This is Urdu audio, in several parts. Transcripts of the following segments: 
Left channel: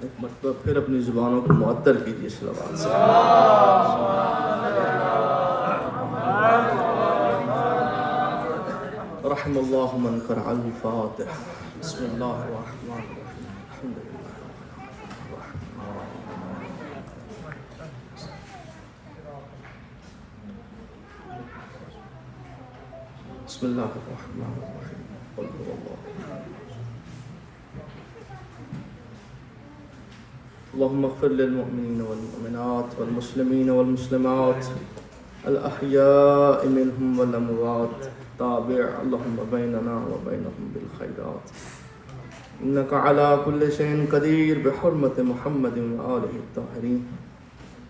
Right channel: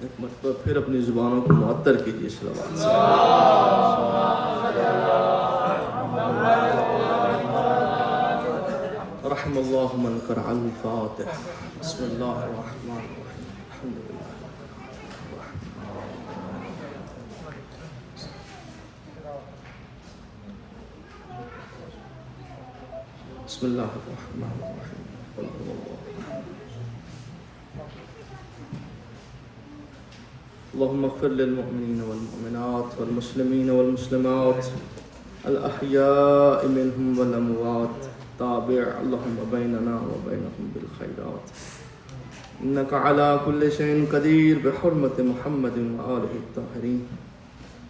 ایک مرتبہ پھر اپنی زبانوں کو معطر کیجیے صلوات سے۔ رحم اللہ من قرأ الفاتح۔ بسم اللہ الرحمن الرحیم۔ الحمد للہ۔ بسم اللہ الرحمن الرحیم۔ قل هو اللہ۔ اللهم اغفر للمؤمنين والمؤمنات والمسلمين والمسلمات الأحياء منهم والأموات تابع اللهم بيننا وبينهم بالخيرات إنك على كل شيء قدير بحرمة محمد وآله الطاهرين۔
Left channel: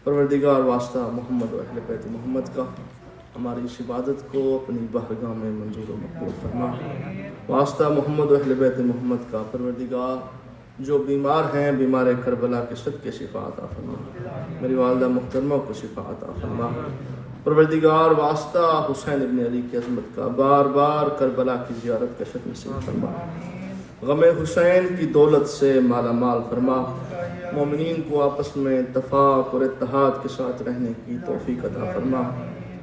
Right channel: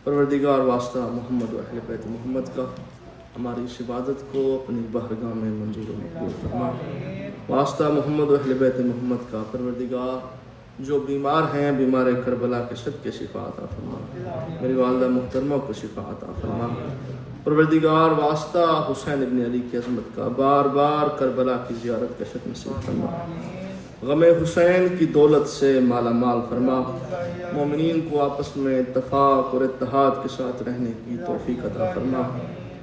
پروردگار واسطہ محمد و اہل بیت محمد کا ہماری اس عبادت کو اپنی بارگاہ میں منظور و مقبول فرما۔ واسطہ محمد و اہل بیت محمد کا پروردگار جو بیمار ہیں بیمار کربلا کے سب کے شفا عطا فرما۔ میری والدہ محترمہ کو شفا عطا فرما۔ پروردگار واسطہ حسین ابن علی کی عظمت کا بار بار کربلا کی زیارت کا شرف نصیب فرما۔ غم حسین کی دولت سے مالا مال فرما۔ مومنین کو آپس میں اتفاق اور اتحاد کے ساتھ رہنے کی توفیق عطا فرما۔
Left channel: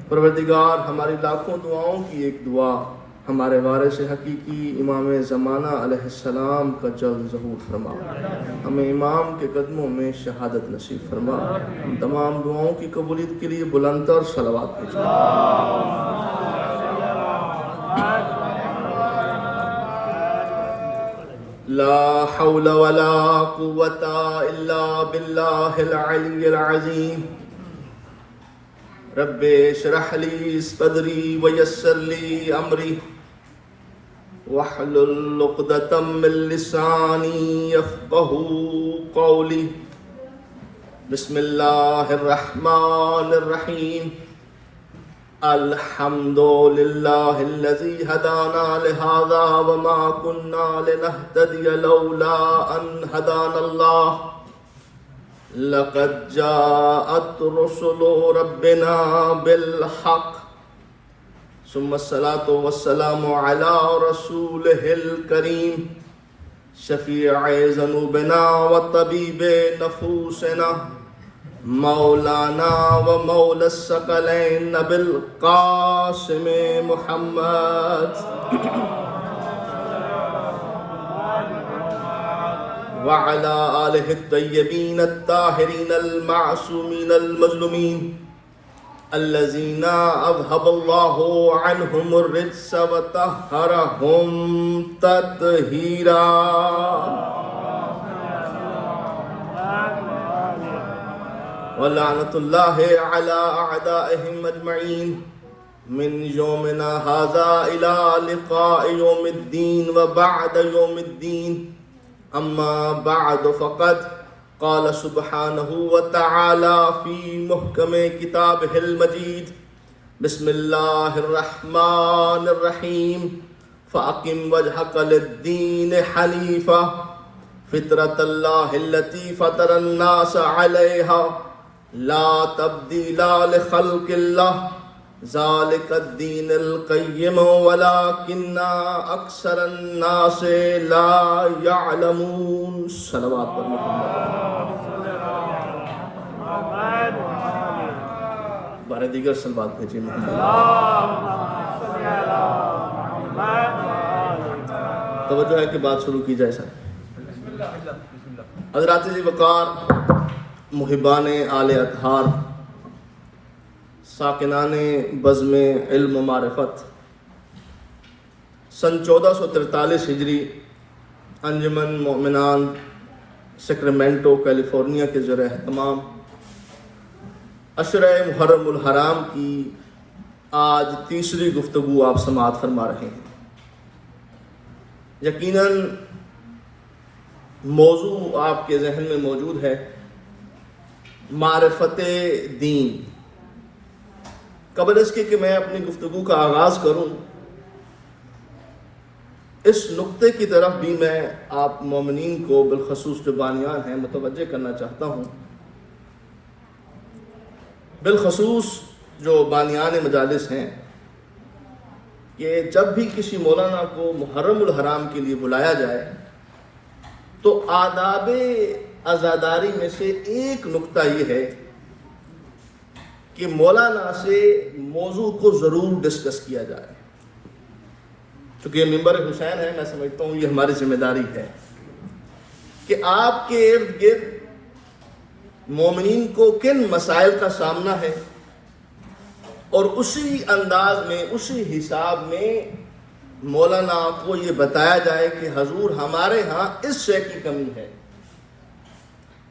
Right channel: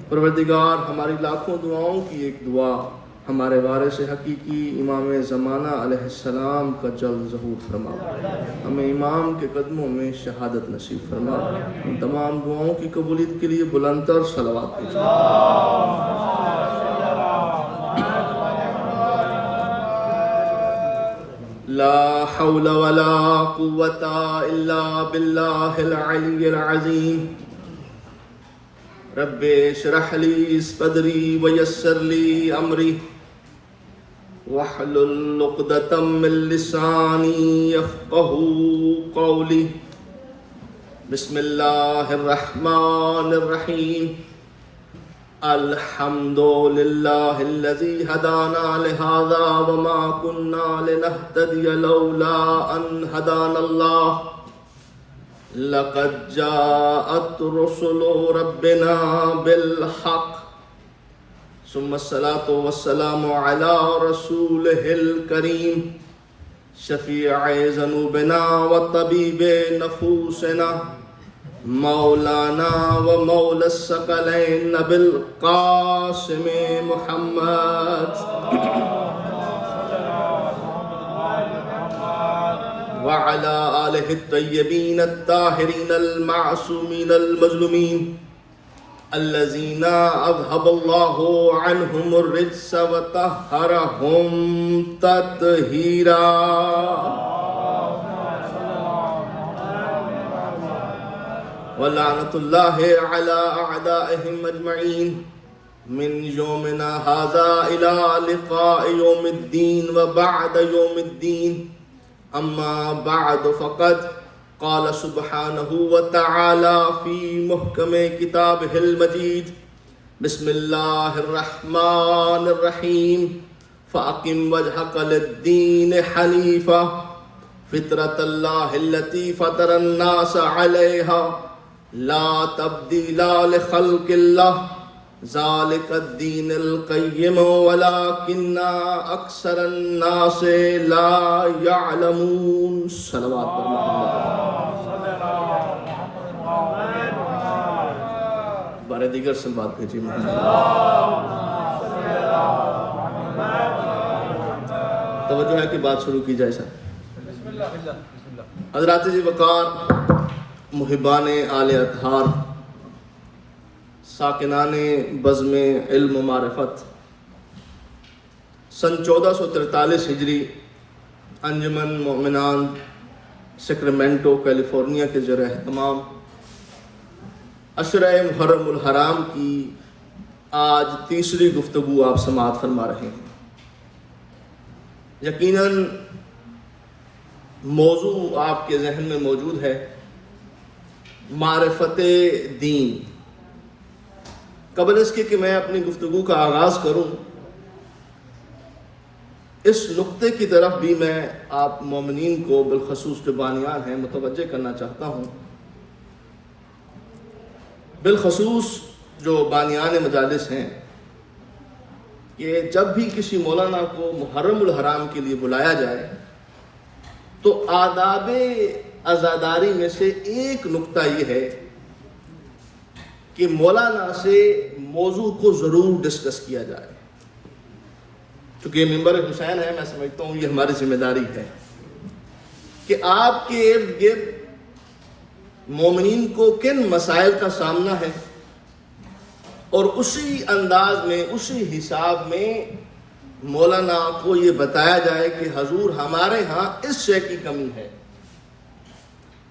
پروردگار ہماری لاکھوں دعاؤں کی ایک دعا ہمارے وارث حقیقی امام زمانہ علیہ السلام کا جلد ظہور فرما۔ ہمیں امام کے قدموں میں شہادت نصیب فرما۔ ان تمام دعاؤں کی قبولیت کے لیے بلند تر صلوات کیجیے۔ لا حول ولا قوة الا باللہ العلی العظیم۔ رب اشرح لی صدری ویسر لی امری واحلل عقدۃ من لسانی یفقهوا قولی۔ بسم اللہ الرحمن الرحیم۔ الحمد للہ الذی ہدانا لہذا وما كنا لنہتدی لولا ان ہدانا اللہ۔ لقد جاءت رسل ربنا بالحق ثم الصلاة والسلام على رسوله الكريم شفيع ذنوبنا وطبيب نفوسنا مولانا ومولى الثقلين أبي القاسم محمد وعلى آله الطيبين الطاهرين المعصومين المظلومين الذين أذهب الله عنهم الرجس وطهرهم تطهيرا۔ ولعنة الله على أعدائهم أجمعين من يومنا هذا إلى لقاء يوم الدين وبعد يوم الدين۔ أما بعد فقد قال سبحانه وتعالى في محكم كتابه المجيد بسم الله الرحمن الرحيم فأقم وجهك للدين حنيفا فطرة الله التي فطر الناس عليها لا تبديل لخلق الله ذلك الدين القيم ولكن أكثر الناس لا يعلمون۔ صلوات بارے دیگر سے بات بھیجی توجہ ہے کہ بات شروع کی جائے سر۔ حضرات جی وقار، محبان آل اطہار، ساکنان بزم علم و معرفت، سن 1443 ہجری انجمن مومنان سیکرامنٹو کیلیفورنیا کے زیر اہتمام عشرہ محرم الحرام کی آج تیسری گفتگو آپ سماعت فرما رہے ہیں۔ یقیناً موضوع آپ کے ذہن میں موجود ہے، معرفت دین۔ قبل اس کے کہ میں اپنی گفتگو کا آغاز کروں، اس نقطے کی طرف بھی میں آپ مومنین کو بالخصوص جو بانیان ہیں متوجہ کرنا چاہتا ہوں۔ بالخصوص جو بانیان مجالس ہیں کہ جب بھی کسی مولانا کو محرم الحرام کے لیے بلایا جائے تو آداب عزاداری میں سے ایک نکتہ یہ ہے کہ مولانا سے موضوع کو ضرور ڈسکس کیا جائے. چونکہ یہ منبر حسین ہے، میں سمجھتا ہوں یہ ہماری ذمہ داری ہے کہ آپ کے ارد گرد مومنین کو کن مسائل کا سامنا ہے، اور اسی انداز میں، اسی حساب میں مولانا کو یہ بتایا جائے کہ حضور ہمارے ہاں اس شے کی کمی ہے،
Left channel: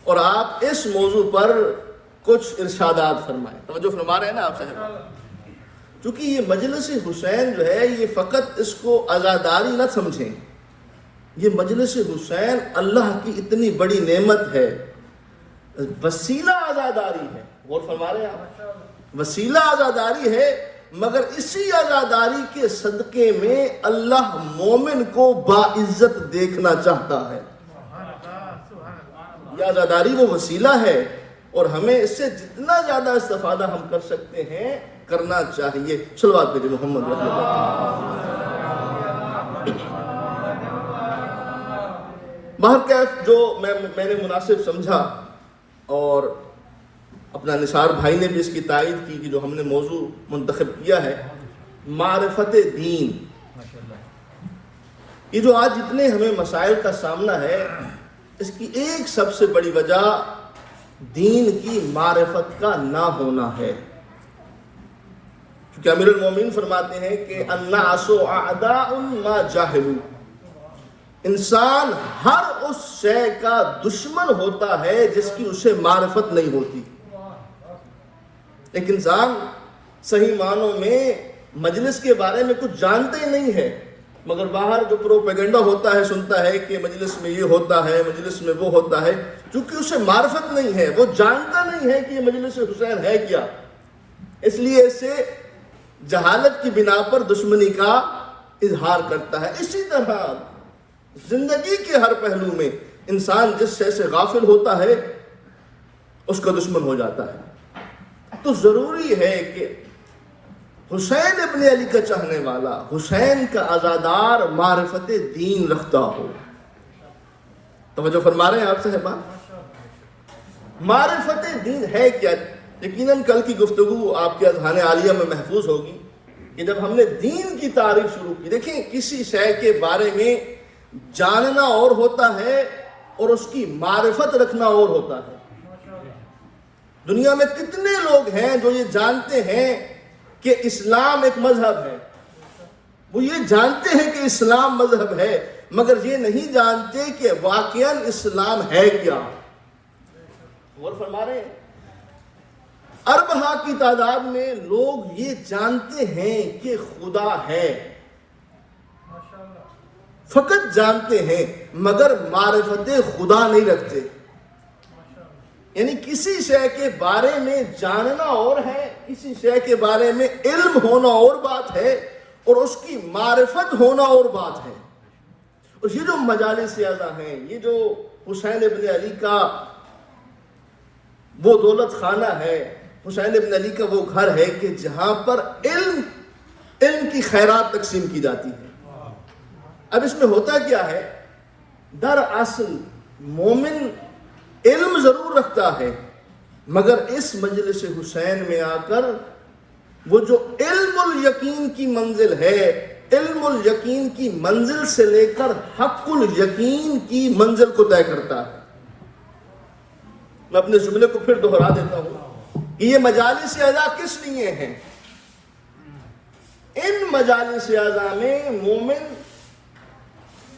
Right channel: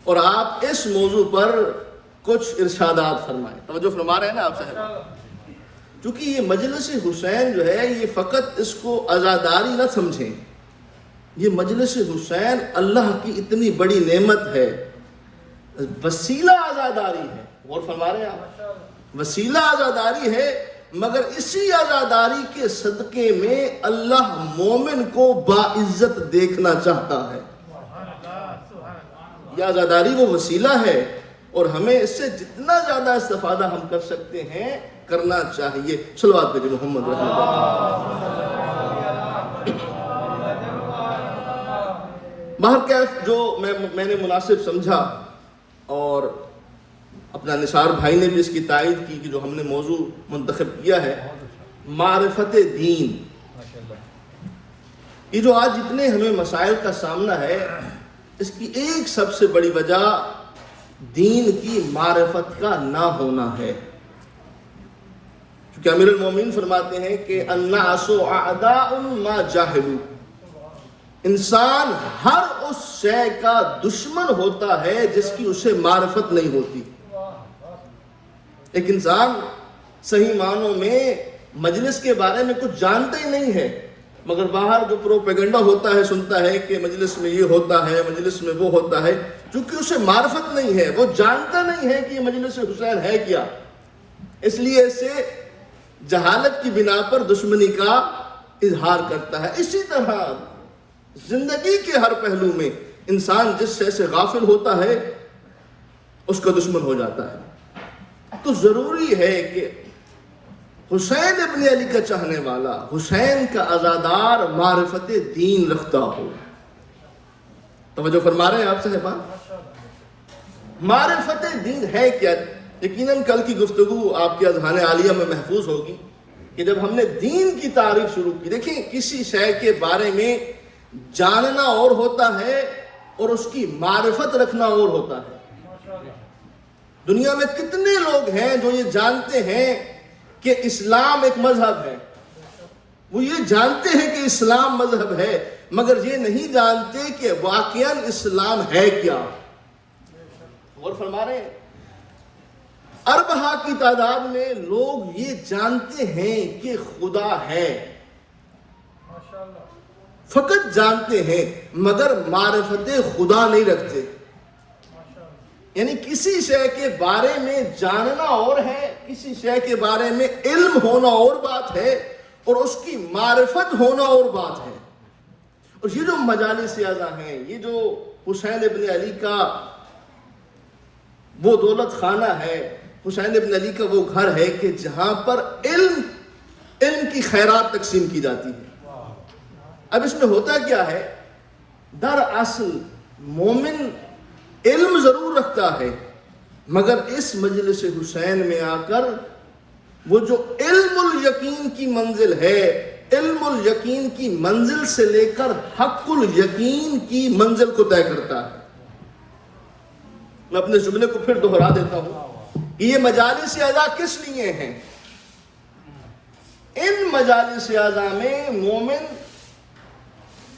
اور آپ اس موضوع پر کچھ ارشادات فرمائیں. توجہ فرما رہے ہیں نا آپ صاحب؟ کیونکہ یہ مجلس حسین جو ہے، یہ فقط اس کو عزاداری نہ سمجھیں. یہ مجلس حسین اللہ کی اتنی بڑی نعمت ہے، وسیلہ عزاداری ہے. غور فرما رہے ہیں آپ؟ وسیلہ عزاداری ہے، مگر اسی عزاداری کے صدقے میں اللہ مومن کو باعزت دیکھنا چاہتا ہے. یہ عزاداری وہ وسیلہ ہے، اور ہمیں اس سے جتنا زیادہ استفادہ ہم کر سکتے ہیں کرنا چاہیے. صلوات پہ محمد رحمۃ باہر جو میں نے مناسب سمجھا، اور اپنا نثار بھائی نے بھی اس کی تائید کی کہ جو ہم نے موضوع منتخب کیا ہے معرفت دین. یہ جو آج جتنے ہمیں مسائل کا سامنا ہے، اس کی ایک سب سے بڑی وجہ دین کی معرفت کا نہ ہونا ہے. کیونکہ امیر المومنین فرماتے ہیں کہ الناس اعداء ما جاہلوا، انسان ہر اس شے کا دشمن ہوتا ہے جس کی اسے معرفت نہیں ہوتی. ایک انسان صحیح معنوں میں مجلس کے بارے میں کچھ جانتا ہی نہیں ہے، مگر باہر جو پروپیگنڈا ہوتا ہے سنتا ہے کہ مجلس میں یہ ہوتا ہے، مجلس میں وہ ہوتا ہے. چونکہ اسے معرفت نہیں ہے، وہ جانتا نہیں ہے کہ یہ مجلس حسین ہے کیا، اس لیے اسے جہالت کی بنا پر دشمنی کا اظہار کرتا ہے. اسی طرح زندگی کے ہر پہلو میں انسان جس شے سے غافل ہوتا ہے اس کا دشمن ہو جاتا ہے. تو ضروری ہے کہ حسین ابن علی کا چاہنے والا، حسین کا عزادار معرفت دین رکھتا ہو. توجہ فرما رہے ہیں آپ صاحبان؟ معرفت دین ہے کیا؟ یقیناً کل کی گفتگو آپ کے اذہان عالیہ میں محفوظ ہوگی کہ جب ہم نے دین کی تعریف شروع کی، دیکھیں کسی شے کے بارے میں جاننا اور ہوتا ہے اور اس کی معرفت رکھنا اور ہوتا ہے. دنیا میں کتنے لوگ ہیں جو یہ جانتے ہیں کہ اسلام ایک مذہب ہے، وہ یہ جانتے ہیں کہ اسلام مذہب ہے، مگر یہ نہیں جانتے کہ واقعاً اسلام ہے کیا. غور فرما رہے ہیں؟ اربہ کی تعداد میں لوگ یہ جانتے ہیں کہ خدا ہے، فقط جانتے ہیں مگر معرفت خدا نہیں رکھتے. یعنی کسی شے کے بارے میں جاننا اور ہے، کسی شے کے بارے میں علم ہونا اور بات ہے، اور اس کی معرفت ہونا اور بات ہے. اور یہ جو مجالس اعضا ہیں، یہ جو حسین ابن علی کا وہ دولت خانہ ہے، حسین ابن علی کا وہ گھر ہے کہ جہاں پر علم کی خیرات تقسیم کی جاتی ہے. اب اس میں ہوتا کیا ہے؟ دراصل مومن علم ضرور رکھتا ہے، مگر اس مجلس حسین میں آ کر وہ جو علم الیقین کی منزل ہے، علم الیقین کی منزل سے لے کر حق الیقین کی منزل کو طے کرتا ہے. میں اپنے جملے کو پھر دوہرا دیتا ہوں کہ یہ مجالس اعضا کس لیے ہیں؟ ان مجالس اعضا میں مومن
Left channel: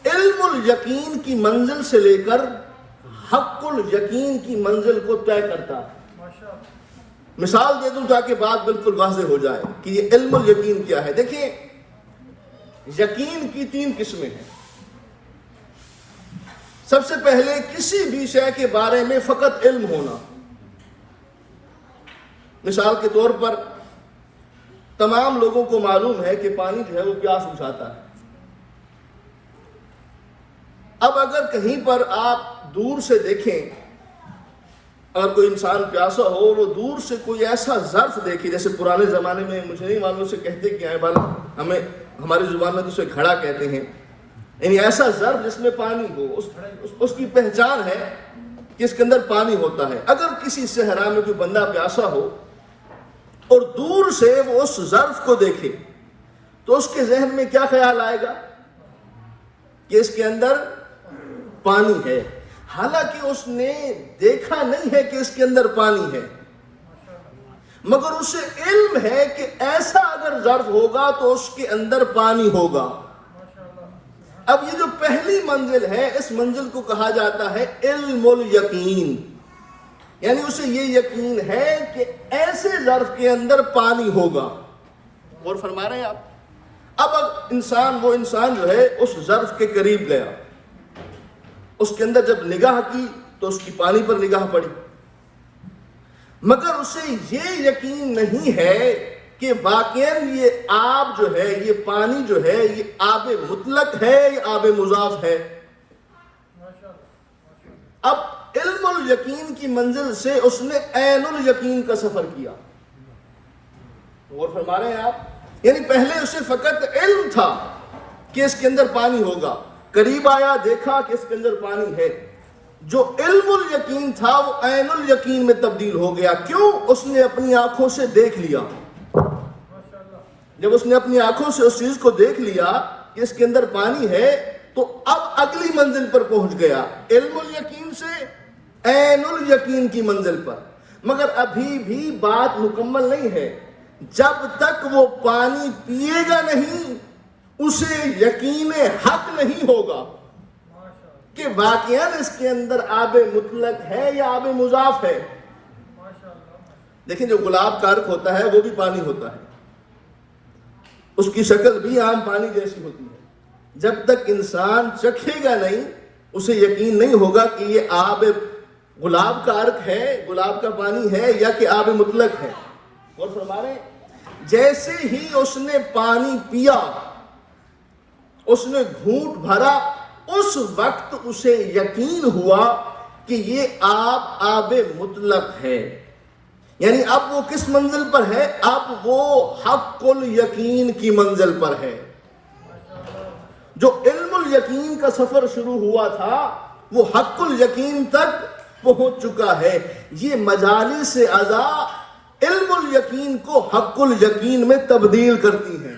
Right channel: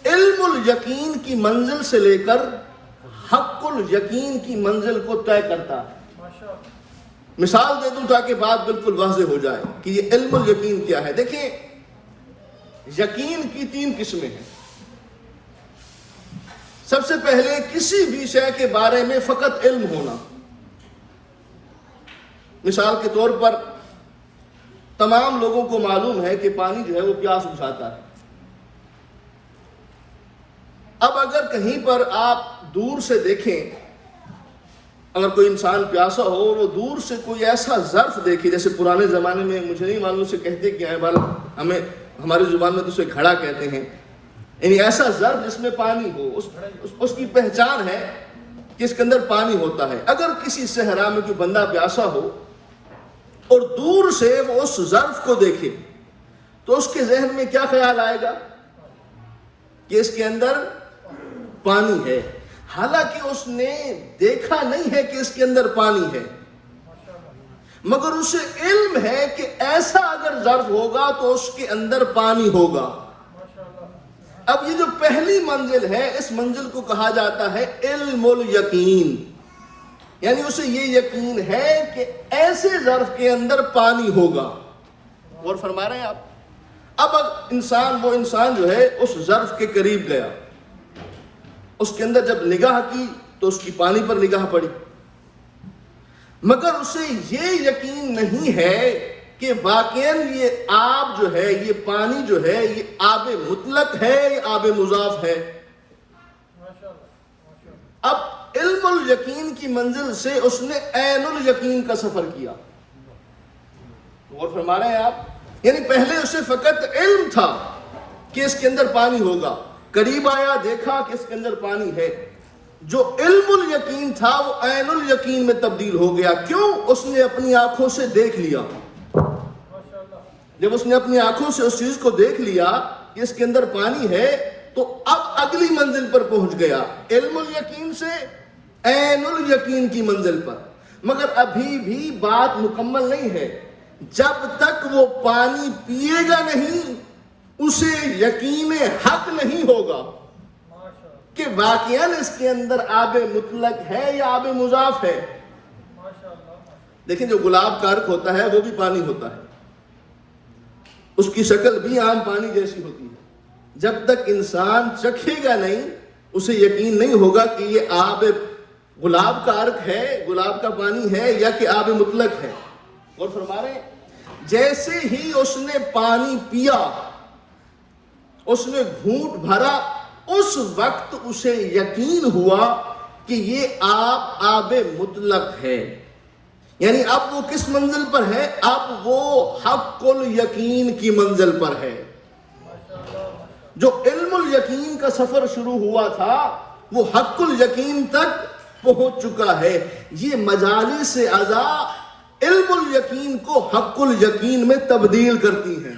علم الیقین کی منزل سے لے کر حق الیقین کی منزل کو طے کرتا ہے. مثال دے دوں تاکہ بات بالکل واضح ہو جائے کہ یہ علم الیقین کیا ہے. دیکھیں، یقین کی 3 قسمیں ہیں. سب سے پہلے کسی بھی شے کے بارے میں فقط علم ہونا. مثال کے طور پر تمام لوگوں کو معلوم ہے کہ پانی جو ہے وہ پیاس بجھاتا ہے. اب اگر کہیں پر آپ دور سے دیکھیں، اگر کوئی انسان پیاسا ہو اور وہ دور سے کوئی ایسا ظرف دیکھے، جیسے پرانے زمانے میں مجھے نہیں معلوم سے کہتے کہ ہمیں ہماری زبان میں تو اسے گھڑا کہتے ہیں، یعنی ایسا ظرف جس میں پانی ہو، اس کی پہچان ہے کہ اس کے اندر پانی ہوتا ہے۔ اگر کسی صحرا میں کوئی بندہ پیاسا ہو اور دور سے وہ اس ظرف کو دیکھے تو اس کے ذہن میں کیا خیال آئے گا کہ اس کے اندر پانی ہے، حالانکہ اس نے دیکھا نہیں ہے کہ اس کے اندر پانی ہے، مگر اسے علم ہے کہ ایسا اگر ظرف ہوگا تو اس کے اندر پانی ہوگا۔ اب یہ جو پہلی منزل ہے، اس منزل کو کہا جاتا ہے علم الیقین، یعنی اسے یہ یقین ہے کہ ایسے ظرف کے اندر پانی ہوگا۔ اور فرما رہے ہیں آپ، اب وہ انسان جو ہے اس ظرف کے قریب گیا، اس کے اندر جب نگاہ کی تو اس کی پانی پر نگاہ پڑی، مگر اسے یہ یقین نہیں ہے کہ واقعاً یہ آب جو ہے، یہ پانی جو ہے، یہ آب مطلق ہے یا آب مضاف ہے۔ اب علم الیقین کی منزل سے اس نے عین الیقین کا سفر کیا۔ اور فرما رہے ہیں آپ، یعنی پہلے اسے فقط علم تھا کہ اس کے اندر پانی ہوگا، قریب آیا دیکھا کہ اس کے اندر پانی ہے، جو علم الیقین تھا وہ عین الیقین میں تبدیل ہو گیا۔ کیوں؟ اس نے اپنی آنکھوں سے دیکھ لیا۔ جب اس نے اپنی آنکھوں سے اس چیز کو دیکھ لیا کہ اس کے اندر پانی ہے تو اب اگلی منزل پر پہنچ گیا، علم الیقین سے عین الیقین کی منزل پر۔ مگر ابھی بھی بات مکمل نہیں ہے، جب تک وہ پانی پیے گا نہیں اسے یقین حق نہیں ہوگا کہ واقعاً اس کے اندر آب مطلق ہے یا آب مضاف ہے۔ لیکن جو گلاب کا عرق ہوتا ہے وہ بھی پانی ہوتا ہے، اس کی شکل بھی عام پانی جیسی ہوتی ہے۔ جب تک انسان چکھے گا نہیں اسے یقین نہیں ہوگا کہ یہ آب گلاب کا عرق ہے، گلاب کا پانی ہے یا کہ آب مطلق ہے۔ اور فرما رہے ہیں جیسے ہی اس نے پانی پیا، اس نے گھونٹ بھرا، اس وقت اسے یقین ہوا کہ یہ آب مطلق ہے۔ یعنی اب وہ کس منزل پر ہے؟ اب وہ حق الیقین کی منزل پر ہے۔ جو علم الیقین کا سفر شروع ہوا تھا وہ حق الیقین تک پہنچ چکا ہے۔ یہ مجالس عزا علم الیقین کو حق الیقین میں تبدیل کرتی ہیں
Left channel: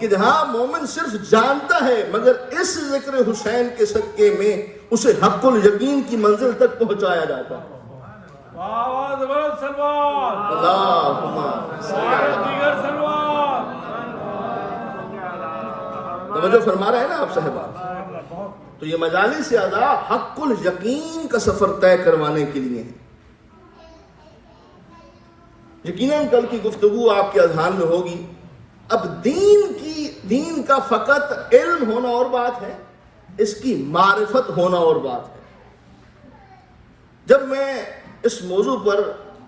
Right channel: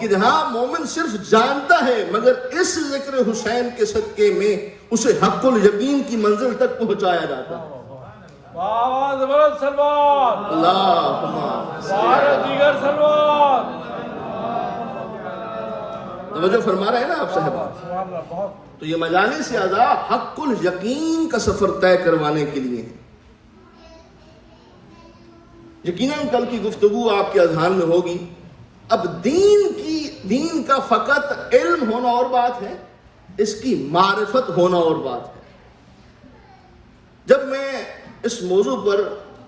کہ جہاں مومن صرف جانتا ہے مگر اس ذکر حسین کے صدقے میں اسے حق الیقین کی منزل تک پہنچایا جاتا ہے۔ توجہ فرما رہے ہیں نا آپ صاحبان؟ تو یہ مجالس عزا حق الیقین کا سفر طے کروانے کے لیے۔ یقیناً کل کی گفتگو آپ کے اذہان میں ہوگی، اب دین کا فقط علم ہونا اور بات ہے، اس کی معرفت ہونا اور بات ہے۔ جب میں اس موضوع پر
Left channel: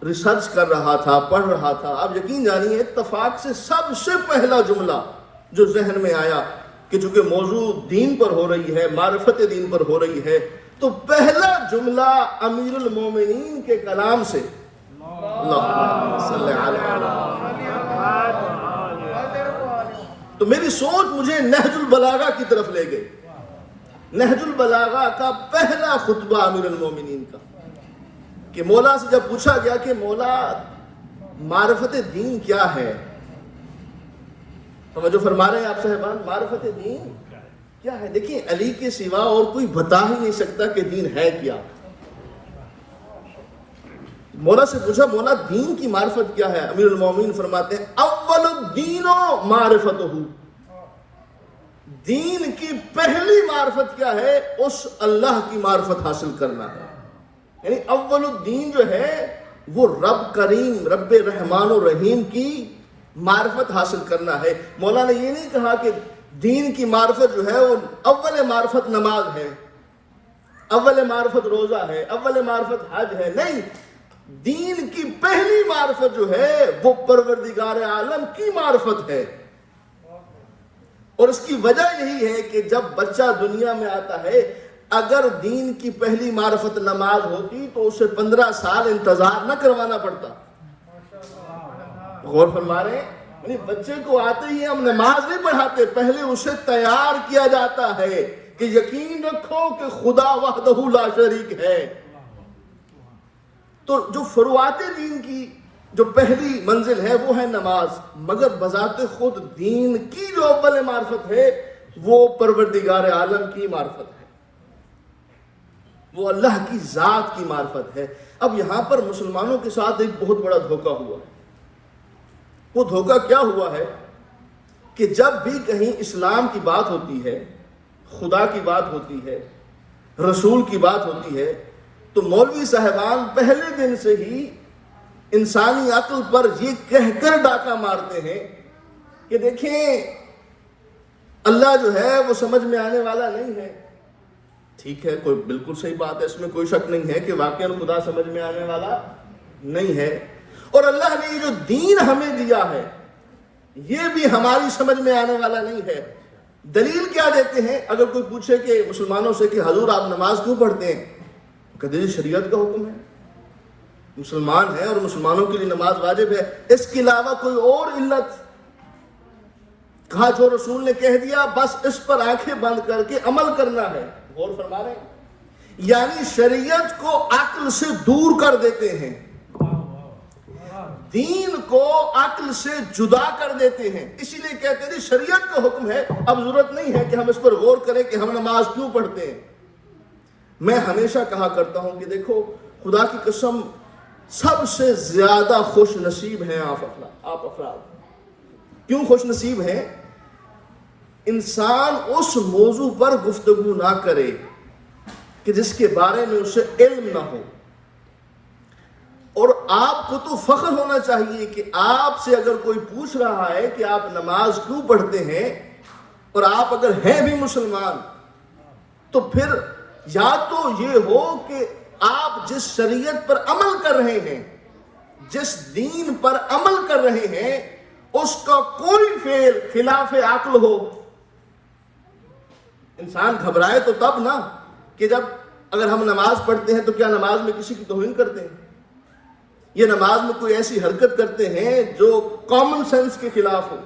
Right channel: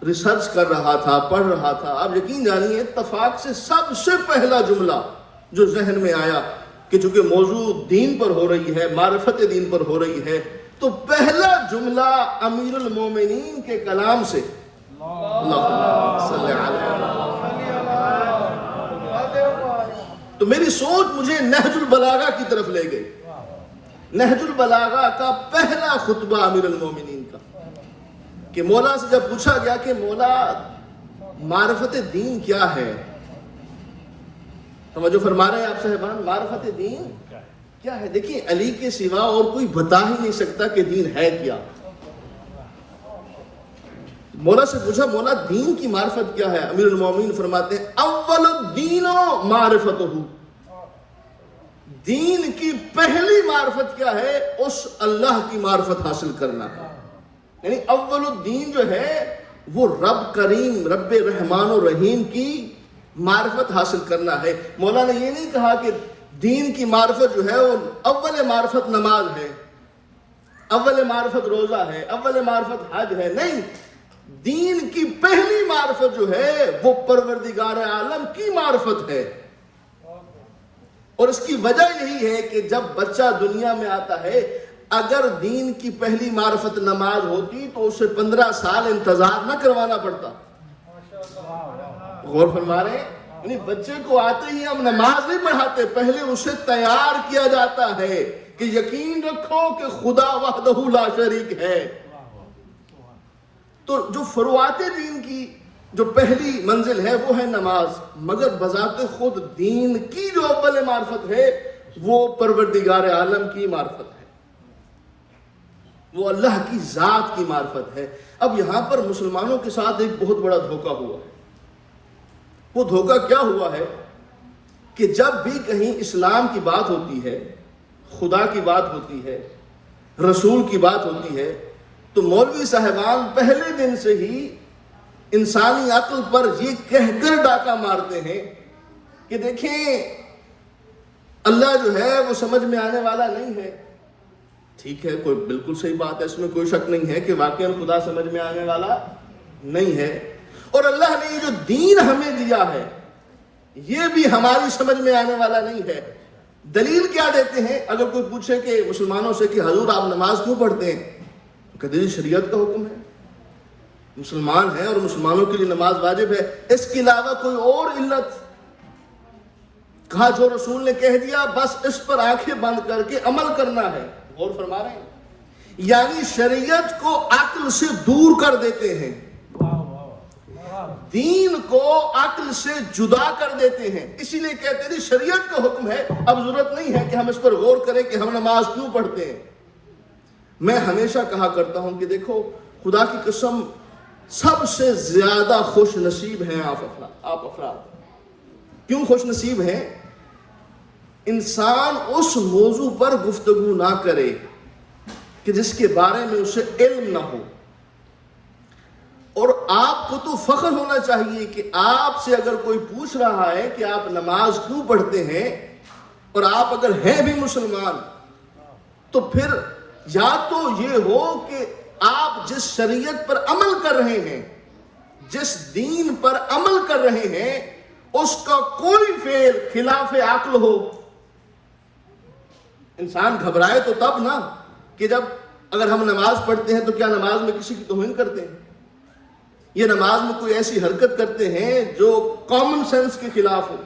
ریسرچ کر رہا تھا، پڑھ رہا تھا، آپ یقین جانیے اتفاق سے سب سے پہلا جملہ جو ذہن میں آیا کہ چونکہ موضوع دین پر ہو رہی ہے، معرفت دین پر ہو رہی ہے، تو پہلا جملہ امیر المومنین کے کلام سے اللہم صلی علی۔ تو میری سوچ مجھے نہج البلاغہ کی طرف لے گئی۔ نہج البلاغہ کا پہلا خطبہ امیر المومنین کا، کہ مولا سے جب پوچھا گیا کہ مولا معرفت دین کیا ہے، توجہ فرما رہے ہیں آپ صاحبان، معرفت دین کیا ہے؟ دیکھیں علی کے سوا اور کوئی بتا ہی نہیں سکتا کہ دین ہے کیا۔ مولا سے پوچھا مولا دین کی معرفت کیا ہے؟ امیر المومنین فرماتے ہیں اول الدین معرفتہ، دین کی پہلی معرفت کیا ہے؟ اس اللہ کی معرفت حاصل کرنا۔ یعنی اول الدین جو ہے وہ رب کریم، رب رحمان و رحیم کی معرفت حاصل کرنا ہے۔ مولا نے یہ نہیں کہا کہ دین کی معرفت جو ہے وہ اول معرفت نماز ہے، اول معرفت روزہ ہے، اول معرفت حج ہے، نہیں، دین کی پہلی معرفت جو ہے وہ پروردگار عالم کی معرفت ہے۔ اور اس کی وجہ یہی ہے کہ جب بچہ دنیا میں آتا ہے، اگر دین کی پہلی معرفت نماز ہوتی تو اسے 15 سال انتظار نہ کروانا پڑتا۔ غور فرما رہے ہیں؟ یعنی بچے کو آتے ہی ہم نماز نہیں پڑھاتے، پہلے اسے تیار کیا جاتا ہے کہ یقین رکھو کہ خدا وحدہ لا شریک ہے۔ تو جو فروعات دین کی جو پہلی منزل ہے وہ ہے نماز، مگر بذات خود دین کی جو اول معرفت ہے وہ پروردگار عالم کی معرفت ہے، وہ اللہ کی ذات کی معرفت ہے۔ اب یہاں پر مسلمانوں کے ساتھ ایک بہت بڑا دھوکہ ہوا۔ وہ دھوکہ کیا ہوا ہے کہ جب بھی کہیں اسلام کی بات ہوتی ہے، خدا کی بات ہوتی ہے، رسول کی بات ہوتی ہے، تو مولوی صاحبان پہلے دن سے ہی انسانی عقل پر یہ کہہ کر ڈاکہ مارتے ہیں کہ دیکھیں اللہ جو ہے وہ سمجھ میں آنے والا نہیں ہے۔ ٹھیک ہے، کوئی بالکل صحیح بات ہے، اس میں کوئی شک نہیں ہے کہ واقعی خدا سمجھ میں آنے والا نہیں ہے، اور اللہ نے یہ جو دین ہمیں دیا ہے یہ بھی ہماری سمجھ میں آنے والا نہیں ہے۔ دلیل کیا دیتے ہیں؟ اگر کوئی پوچھے کہ مسلمانوں سے کہ حضور آپ نماز کیوں پڑھتے ہیں، کہتے ہیں شریعت کا حکم ہے، مسلمان ہیں اور مسلمانوں کے لیے نماز واجب ہے، اس کے علاوہ کوئی اور علت؟ کہا جو رسول نے کہہ دیا بس اس پر آنکھیں بند کر کے عمل کرنا ہے۔ غور فرما رہے ہیں؟ یعنی شریعت کو عقل سے دور کر دیتے ہیں، دین کو عقل سے جدا کر دیتے ہیں، اسی لیے کہتے ہیں شریعت کا حکم ہے، اب ضرورت نہیں ہے کہ ہم اس پر غور کریں کہ ہم نماز کیوں پڑھتے ہیں۔ میں ہمیشہ کہا کرتا ہوں کہ دیکھو خدا کی قسم سب سے زیادہ خوش نصیب ہیں آپ افراد۔ کیوں خوش نصیب ہیں؟ انسان اس موضوع پر گفتگو نہ کرے کہ جس کے بارے میں اسے علم نہ ہو، اور آپ کو تو فخر ہونا چاہیے کہ آپ سے اگر کوئی پوچھ رہا ہے کہ آپ نماز کیوں پڑھتے ہیں، اور آپ اگر ہیں بھی مسلمان، تو پھر یا تو یہ ہو کہ آپ جس شریعت پر عمل کر رہے ہیں، جس دین پر عمل کر رہے ہیں، اس کا کوئی فعل خلاف عقل ہو۔ انسان گھبرائے تو تب نا کہ جب اگر ہم نماز پڑھتے ہیں تو کیا نماز میں کسی کی توہین کرتے ہیں، یہ نماز میں کوئی ایسی حرکت کرتے ہیں جو کامن سینس کے خلاف ہو۔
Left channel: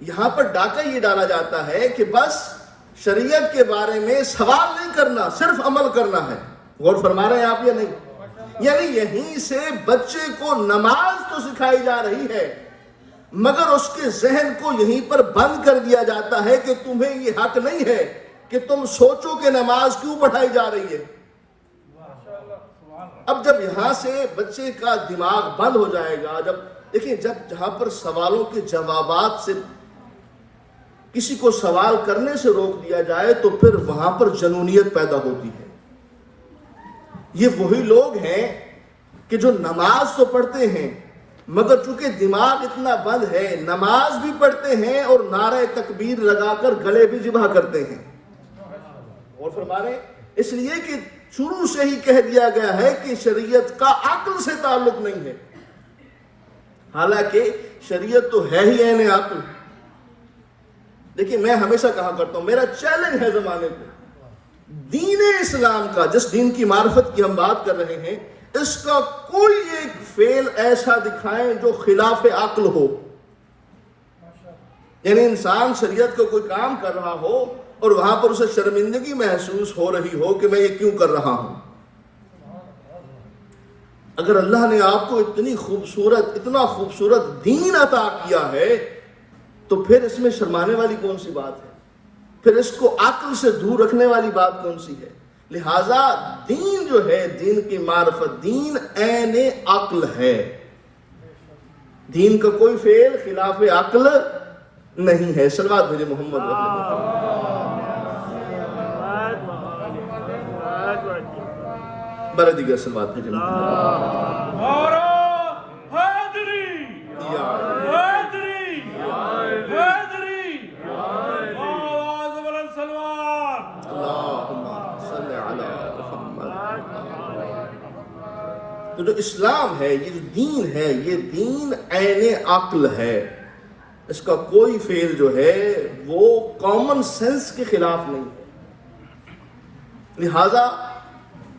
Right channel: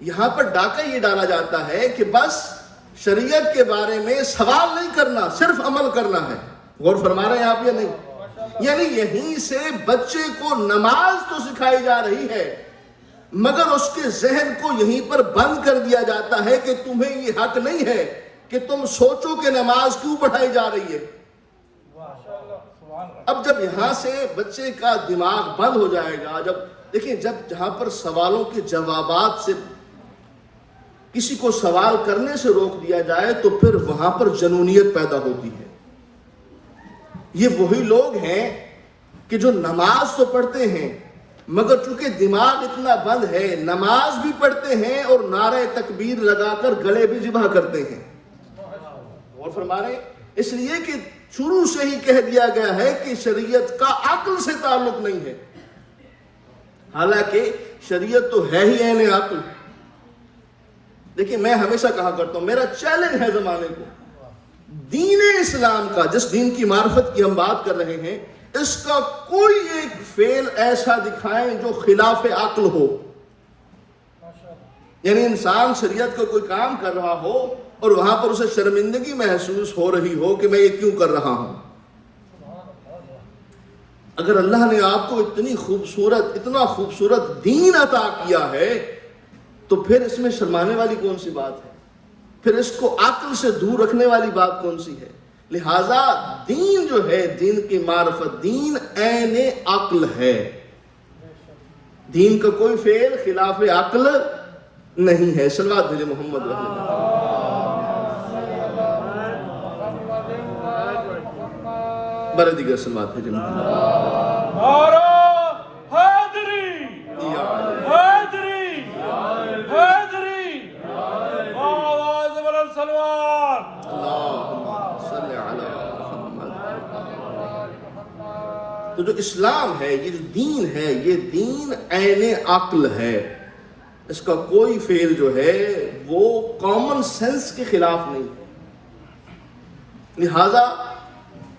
یہاں پر ڈاکہ یہ ڈالا جاتا ہے کہ بس شریعت کے بارے میں سوال نہیں کرنا، صرف عمل کرنا ہے۔ غور فرما رہے ہیں آپ یا نہیں؟ یعنی یہیں سے بچے کو نماز تو سکھائی جا رہی ہے، مگر اس کے ذہن کو یہیں پر بند کر دیا جاتا ہے کہ تمہیں یہ حق نہیں ہے کہ تم سوچو کہ نماز کیوں پڑھائی جا رہی ہے۔ اب جب یہاں سے بچے کا دماغ بند ہو جائے گا، دیکھیں جہاں پر سوالوں کے جوابات سے کسی کو سوال کرنے سے روک دیا جائے تو پھر وہاں پر جنونیت پیدا ہوتی ہے۔ یہ وہی لوگ ہیں کہ جو نماز تو پڑھتے ہیں مگر چونکہ دماغ اتنا بند ہے، نماز بھی پڑھتے ہیں اور نعرہ تکبیر لگا کر گلے بھی ذبح کرتے ہیں۔ اور فرما رہے ہیں اس لیے کہ شروع سے ہی کہہ دیا گیا ہے کہ شریعت کا عقل سے تعلق نہیں ہے، حالانکہ شریعت تو ہے ہی عین عقل۔ دیکھیں میں ہمیشہ کہا کرتا ہوں، میرا چیلنج ہے زمانے کو، دین اسلام کا جس دین کی معرفت کی ہم بات کر رہے ہیں، اس کا کوئی ایک فعل ایسا دکھائیں جو خلاف عقل ہو۔ یعنی انسان شریعت کا کوئی کام کر رہا ہو اور وہاں پر اسے شرمندگی محسوس ہو رہی ہو کہ میں یہ کیوں کر رہا ہوں۔ اگر اللہ نے آپ کو اتنا خوبصورت دین عطا کیا ہے تو پھر اس میں شرمانے والی کون سی بات ہے؟ پھر اس کو عقل سے دور رکھنے والی بات کون سی ہے؟ لہذا دین جو ہے، دین کی معرفت، دین عین عقل ہے، دین کا کوئی فعل خلاف عقل نہیں ہے۔ صلوات بھیجے محمد برا دیگر صلوات بھیجے محمد۔ تو جو اسلام ہے، یہ جو دین ہے، یہ دین عین عقل ہے، اس کا کوئی فعل جو ہے وہ کامن سینس کے خلاف نہیں ہے۔ لہذا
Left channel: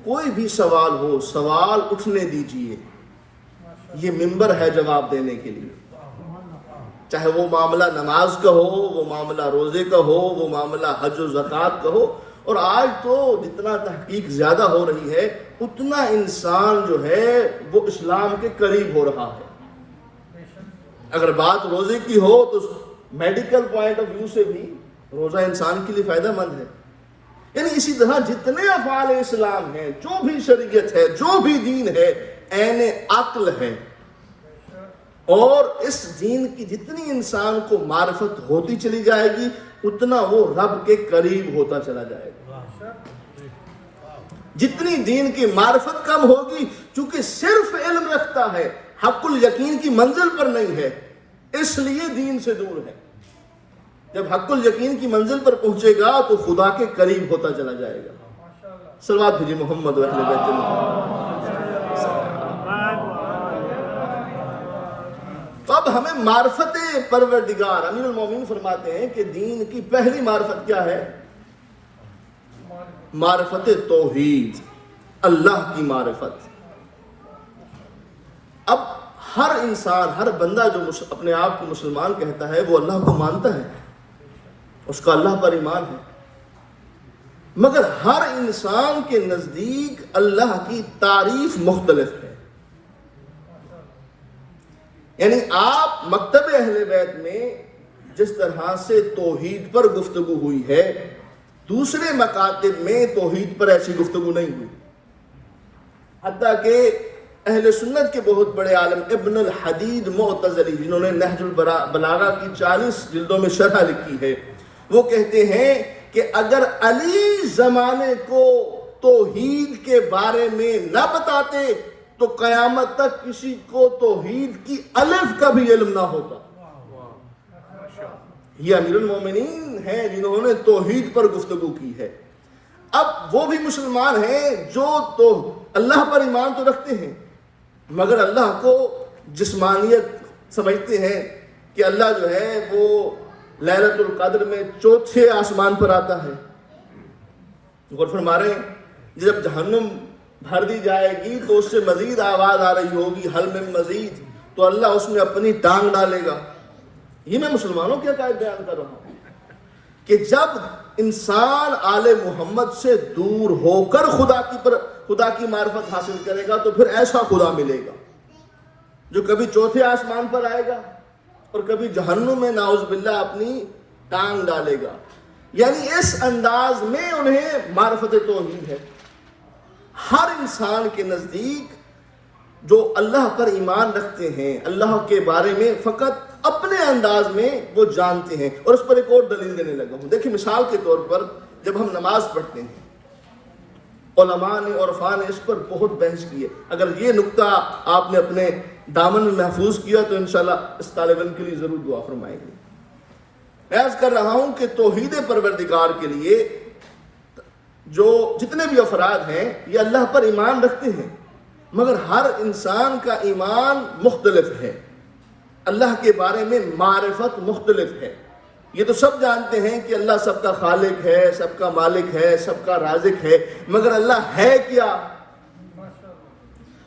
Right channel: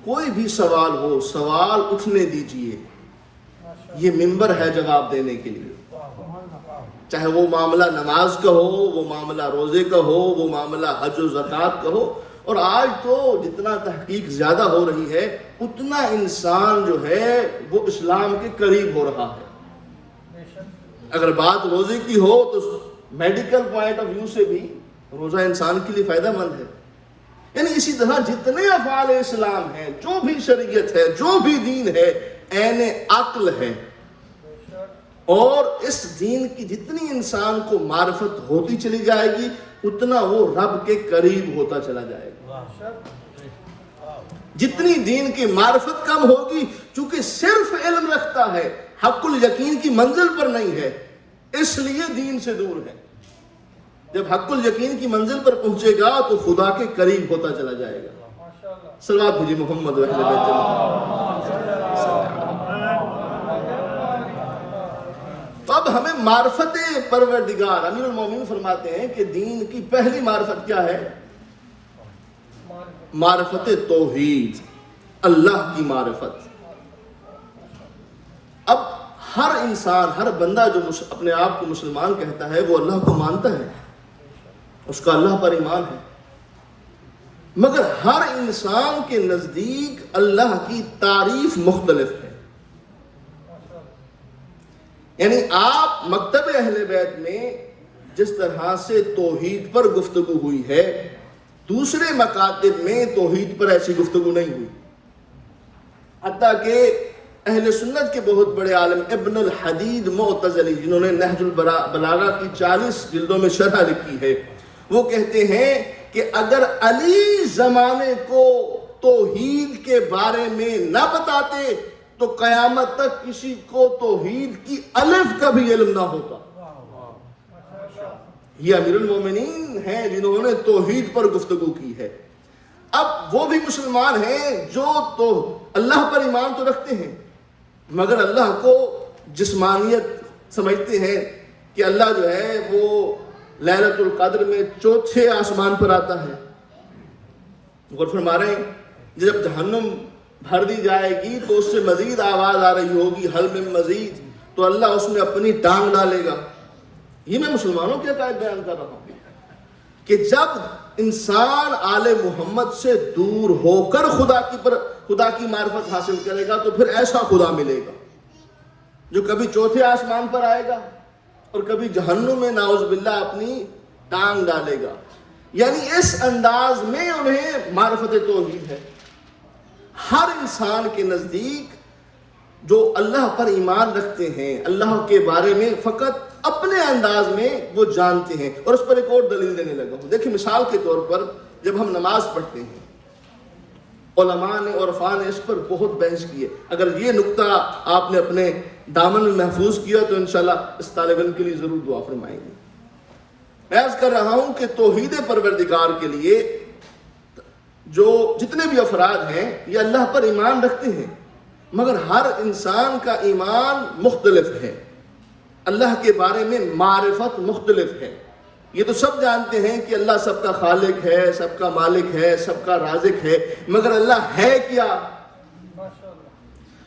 کوئی بھی سوال ہو، سوال اٹھنے دیجئے، یہ منبر ہے جواب دینے کے لیے۔ چاہے وہ معاملہ نماز کا ہو، وہ معاملہ روزے کا ہو، وہ معاملہ حج و زکوٰۃ کا ہو. اور آج تو جتنا تحقیق زیادہ ہو رہی ہے اتنا انسان جو ہے وہ اسلام کے قریب ہو رہا ہے. اگر بات روزے کی ہو تو میڈیکل پوائنٹ آف ویو سے بھی روزہ انسان کے لیے فائدہ مند ہے. یعنی اسی طرح جتنے افعال اسلام ہیں، جو بھی شریعت ہے، جو بھی دین ہے، عین عقل ہے. اور اس دین کی جتنی انسان کو معرفت ہوتی چلی جائے گی اتنا وہ رب کے قریب ہوتا چلا جائے گا. جتنی دین کی معرفت کم ہوگی، چونکہ صرف علم رکھتا ہے، حق الیقین کی منزل پر نہیں ہے، اس لیے دین سے دور ہے. جب حق الیقین کی منزل پر پہنچے گا تو خدا کے قریب ہوتا چلا جائے گا. صلوات بھیجیے محمد رحمۃ اللہ. تو اب ہمیں معرفت پروردگار، امیر المومنین فرماتے ہیں کہ دین کی پہلی معرفت کیا ہے؟ معرفت توحید، اللہ کی معرفت. اب ہر انسان، ہر بندہ جو اپنے آپ کو مسلمان کہتا ہے وہ اللہ کو مانتا ہے، اس کا اللہ پر ایمان ہے. مگر ہر انسان کے نزدیک اللہ کی تعریف مختلف ہے. یعنی آپ مکتب اہل بیت میں جس طرح سے توحید پر گفتگو ہوئی ہے، دوسرے مکاتب میں توحید پر ایسی گفتگو نہیں ہوئی. حتیٰ کہ اہل سنت کے بہت بڑے عالم ابن الحدید معتزلی، جنہوں نے نہج البلاغہ کی 40 جلدوں میں شرح لکھی ہے، وہ کہتے ہیں کہ اگر علی زمانے کو توحید کے بارے میں نہ بتاتے تو قیامت تک کسی کو توحید کی الف کا بھی علم نہ ہوتا. یہ امیر المومنین ہیں جنہوں نے توحید پر گفتگو کی ہے. اب وہ بھی مسلمان ہیں جو تو اللہ پر ایمان تو رکھتے ہیں مگر اللہ کو جسمانیت سمجھتے ہیں کہ اللہ جو ہے وہ لیلۃ القدر میں 4تھے آسمان پر آتا ہے. غور فرما رہے ہیں، جب جہنم بھر دی جائے گی تو اس سے مزید آواز آ رہی ہوگی حل من مزید، تو اللہ اس میں اپنی ٹانگ ڈالے گا. یہ میں مسلمانوں کے عقائد بیان کر رہا ہوں کہ جب انسان آل محمد سے دور ہو کر خدا کی معرفت حاصل کرے گا تو پھر ایسا خدا ملے گا جو کبھی 4تھے آسمان پر آئے گا اور کبھی جہنم میں نعوذ باللہ اپنی ٹانگ ڈالے گا. یعنی اس انداز میں انہیں معرفت توحید ہے. ہر انسان کے نزدیک جو اللہ پر ایمان رکھتے ہیں، اللہ کے بارے میں فقط اپنے انداز میں وہ جانتے ہیں. اور اس پر ایک اور دلیل دینے لگا ہوں. دیکھیں، مثال کے طور پر جب ہم نماز پڑھتے ہیں، علماء نے اور عرفاء نے اس پر بہت بحث کی ہے. اگر یہ نقطہ آپ نے اپنے دامن میں محفوظ کیا تو انشاءاللہ اس طالب علم کے لیے ضرور دعا فرمائیں گے. میں عرض کر رہا ہوں کہ توحید پروردگار کے لیے جو جتنے بھی افراد ہیں یہ اللہ پر ایمان رکھتے ہیں مگر ہر انسان کا ایمان مختلف ہے. اللہ کے بارے میں معرفت مختلف ہے. یہ تو سب جانتے ہیں کہ اللہ سب کا خالق ہے، سب کا مالک ہے، سب کا رازق ہے، مگر اللہ ہے کیا؟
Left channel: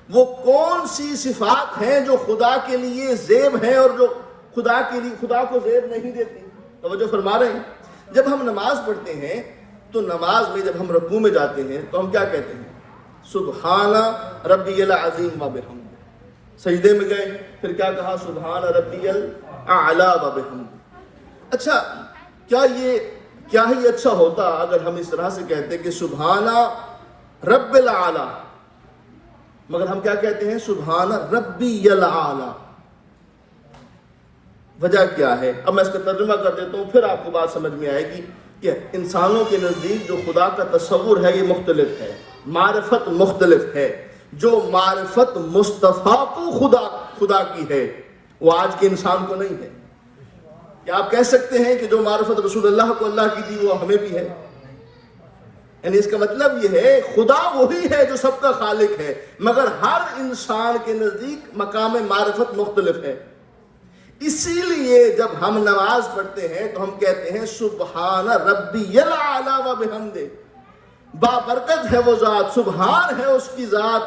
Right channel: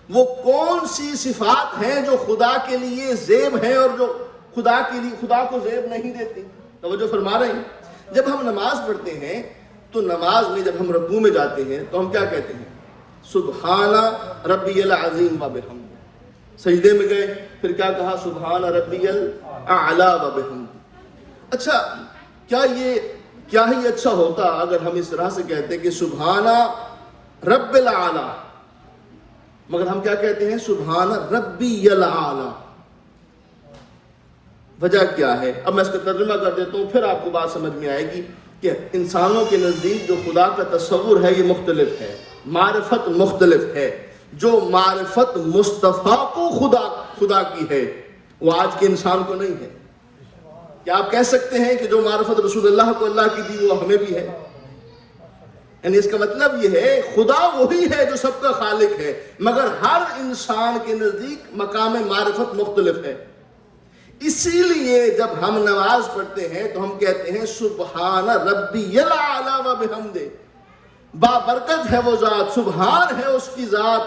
وہ کون سی صفات ہیں جو خدا کے لیے زیب ہیں اور جو خدا کو زیب نہیں دیتی؟ توجہ فرما رہے ہیں. جب ہم نماز پڑھتے ہیں تو نماز میں جب ہم رکوع میں جاتے ہیں تو ہم کیا کہتے ہیں؟ سبحان ربی العظیم و بحمدہ. سجدے میں گئے پھر کیا کہا؟ سبحان ربی الاعلی و بحمدہ. اچھا، کیا ہی اچھا ہوتا اگر ہم اس طرح سے کہتے کہ سبحان رب العالی، مگر ہم کیا کہتے ہیں؟ سبحان ربی العالی. وجہ کیا ہے؟ اب میں اس کا ترجمہ کر دیتا ہوں، پھر آپ کو بات سمجھ میں آئے گی کہ انسانوں کے نزدیک جو خدا کا تصور ہے یہ مختلف ہے، معرفت مختلف ہے. جو معرفت مصطفیٰ کو خدا کی ہے وہ آج کے انسان کو نہیں ہے. کیا آپ کہہ سکتے ہیں کہ جو معرفت رسول اللہ کو اللہ کی تھی وہ ہمیں بھی ہے؟ یعنی اس کا مطلب یہ ہے خدا وہی ہے جو سب کا خالق ہے مگر ہر انسان کے نزدیک مقام معرفت مختلف ہے. اسی لیے جب ہم نماز پڑھتے ہیں تو ہم کہتے ہیں سبحان ربی العالی و بحمدہ. بابرکت ہے وہ ذات، سبحان ہے اس کی ذات،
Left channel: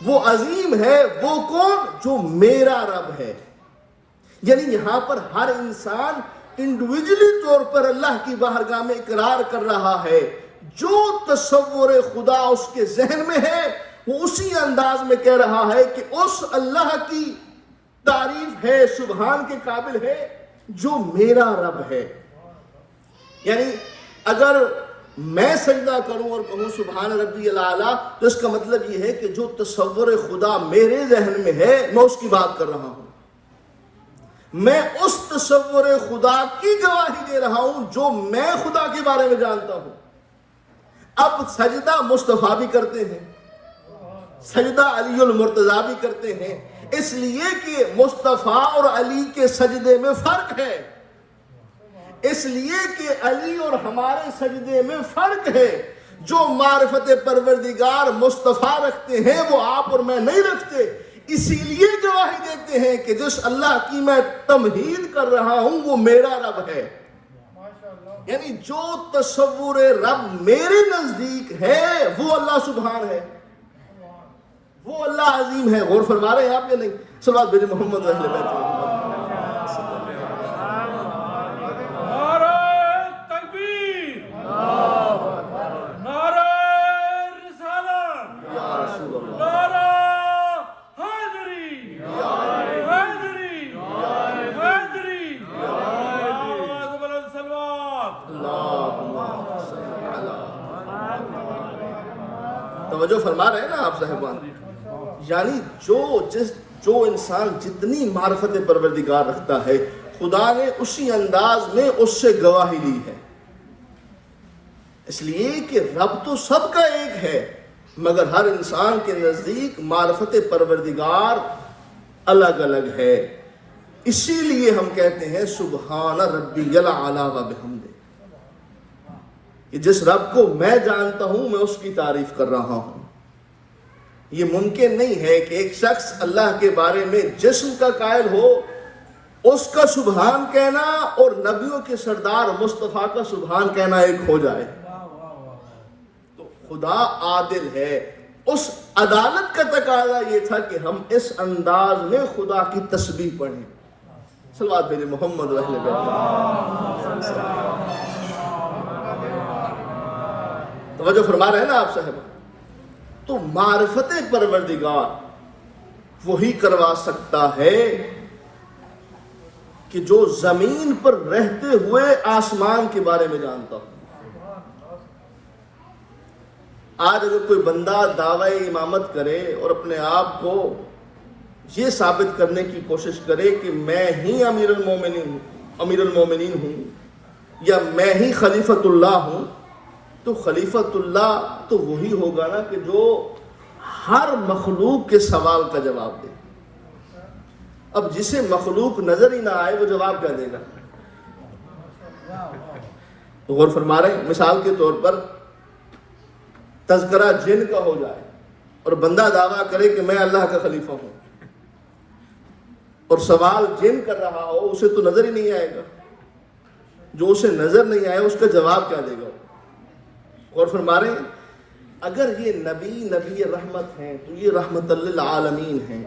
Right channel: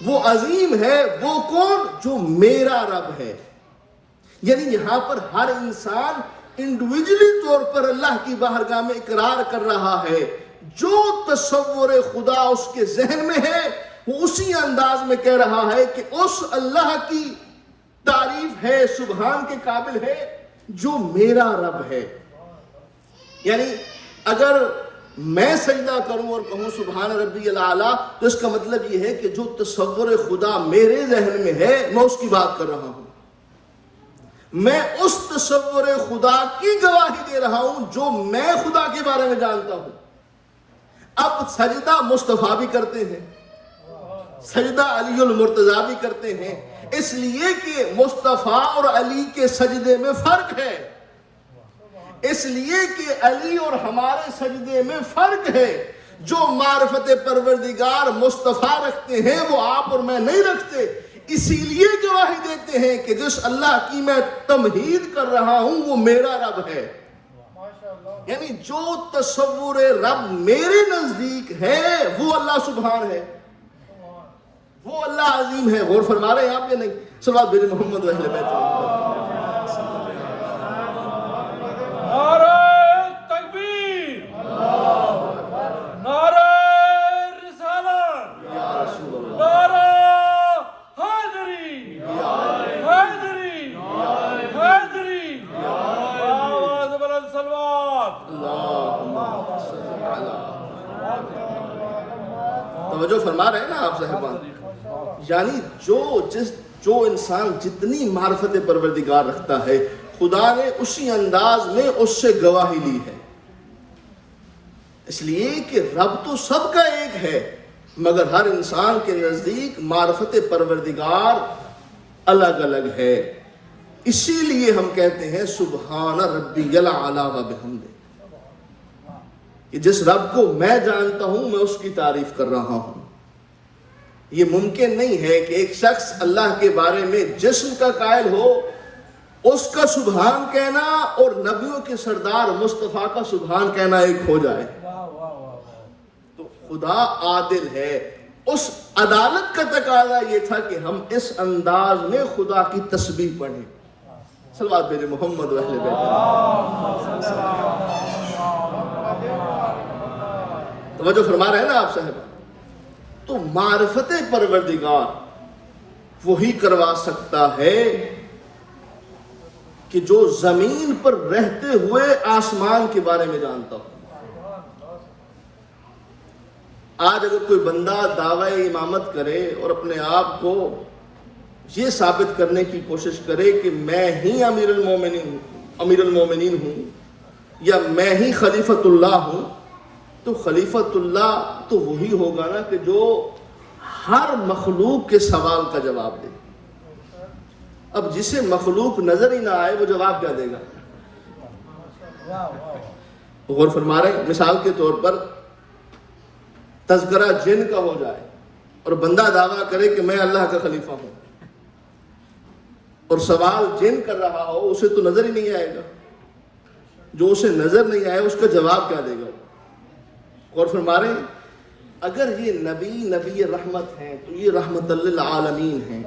وہ عظیم ہے. وہ کون؟ جو میرا رب ہے. یعنی یہاں پر ہر انسان انڈیویجلی طور پر اللہ کی بارگاہ میں اقرار کر رہا ہے، جو تصور خدا اس کے ذہن میں ہے وہ اسی انداز میں کہہ رہا ہے کہ اس اللہ کی تعریف ہے، سبحان کے قابل ہے جو میرا رب ہے۔ یعنی اگر میں سجدہ کروں اور کہوں سبحان ربی الاعلیٰ، تو اس کا مطلب یہ ہے کہ جو تصور خدا میرے ذہن میں ہے میں اس کی بات کر رہا ہوں، میں اس تصور خدا کی گواہی دے رہا ہوں جو میں خدا کے بارے میں جانتا ہوں۔ اب سجدہ مصطفیٰ بھی کرتے ہیں، سجدہ علی المرتضیٰ بھی کرتے ہیں، اس لیے کہ مصطفیٰ اور علی کے سجدے میں فرق ہے، اس لیے کہ علی اور ہمارے سجدے میں فرق ہے۔ جو معرفت پروردگار مصطفیٰ رکھتے ہیں وہ آپ اور میں نہیں رکھتے، اسی لیے گواہی دیتے ہیں کہ جس اللہ کی میں تمہید کر رہا ہوں وہ میرا رب ہے۔ یعنی جو تصور رب میرے نزدیک ہے وہ اللہ سبحان ہے، وہ اللہ عظیم ہے۔ غور فرما رہے ہیں آپ یا نہیں؟ صلوات بھیجیں محمد و اہل بیت۔ نعرہ تکبیر، نعرہ رسالت، نعرہ حیدری، حیدری، حیدری، آواز بلند صلوات۔ توجہ فرما رہے ہیں نا آپ صاحبان؟ یعنی جو انسان جتنی معرفت پروردگار رکھتا ہے خدا نے اسی انداز میں اس سے گواہی لی ہے، اس لیے کہ رب تو سب کا ایک ہے مگر ہر انسان کے نزدیک معرفت پروردگار الگ الگ ہے۔ اسی لیے ہم کہتے ہیں سبحان ربی الاعلیٰ و بحمدہ، کہ جس رب کو میں جانتا ہوں میں اس کی تعریف کر رہا ہوں۔ یہ ممکن نہیں ہے کہ ایک شخص اللہ کے بارے میں جسم کا قائل ہو، اس کا سبحان کہنا اور نبیوں کے سردار مصطفیٰ کا سبحان کہنا ایک ہو جائے۔ تو خدا عادل ہے، اس عدالت کا تقاضا یہ تھا کہ ہم اس انداز میں خدا کی تسبیح پڑھیں۔ صلوات بھیجیں محمد و اہل بیت۔ توجہ فرما رہے ہیں نا آپ صاحب؟ تو معرفت پروردگار وہی کروا سکتا ہے کہ جو زمین پر رہتے ہوئے آسمان کے بارے میں جانتا ہو۔ آج اگر کوئی بندہ دعوی امامت کرے اور اپنے آپ کو یہ ثابت کرنے کی کوشش کرے کہ میں ہی امیر المومنین ہوں یا میں ہی خلیفۃ اللہ ہوں، تو خلیفۃ اللہ تو وہی ہوگا نا کہ جو ہر مخلوق کے سوال کا جواب دے۔ اب جسے مخلوق نظر ہی نہ آئے وہ جواب کیا دے گا؟ غور فرما رہے ہیں؟ مثال کے طور پر تذکرہ جن کا ہو جائے اور بندہ دعویٰ کرے کہ میں اللہ کا خلیفہ ہوں، اور سوال جن کر رہا ہو، اسے تو نظر ہی نہیں آئے گا۔ جو اسے نظر نہیں آئے اس کا جواب کیا دے گا؟ غور فرما رہے ہیں؟ اگر یہ نبی رحمت ہیں تو یہ رحمت للعالمین ہیں،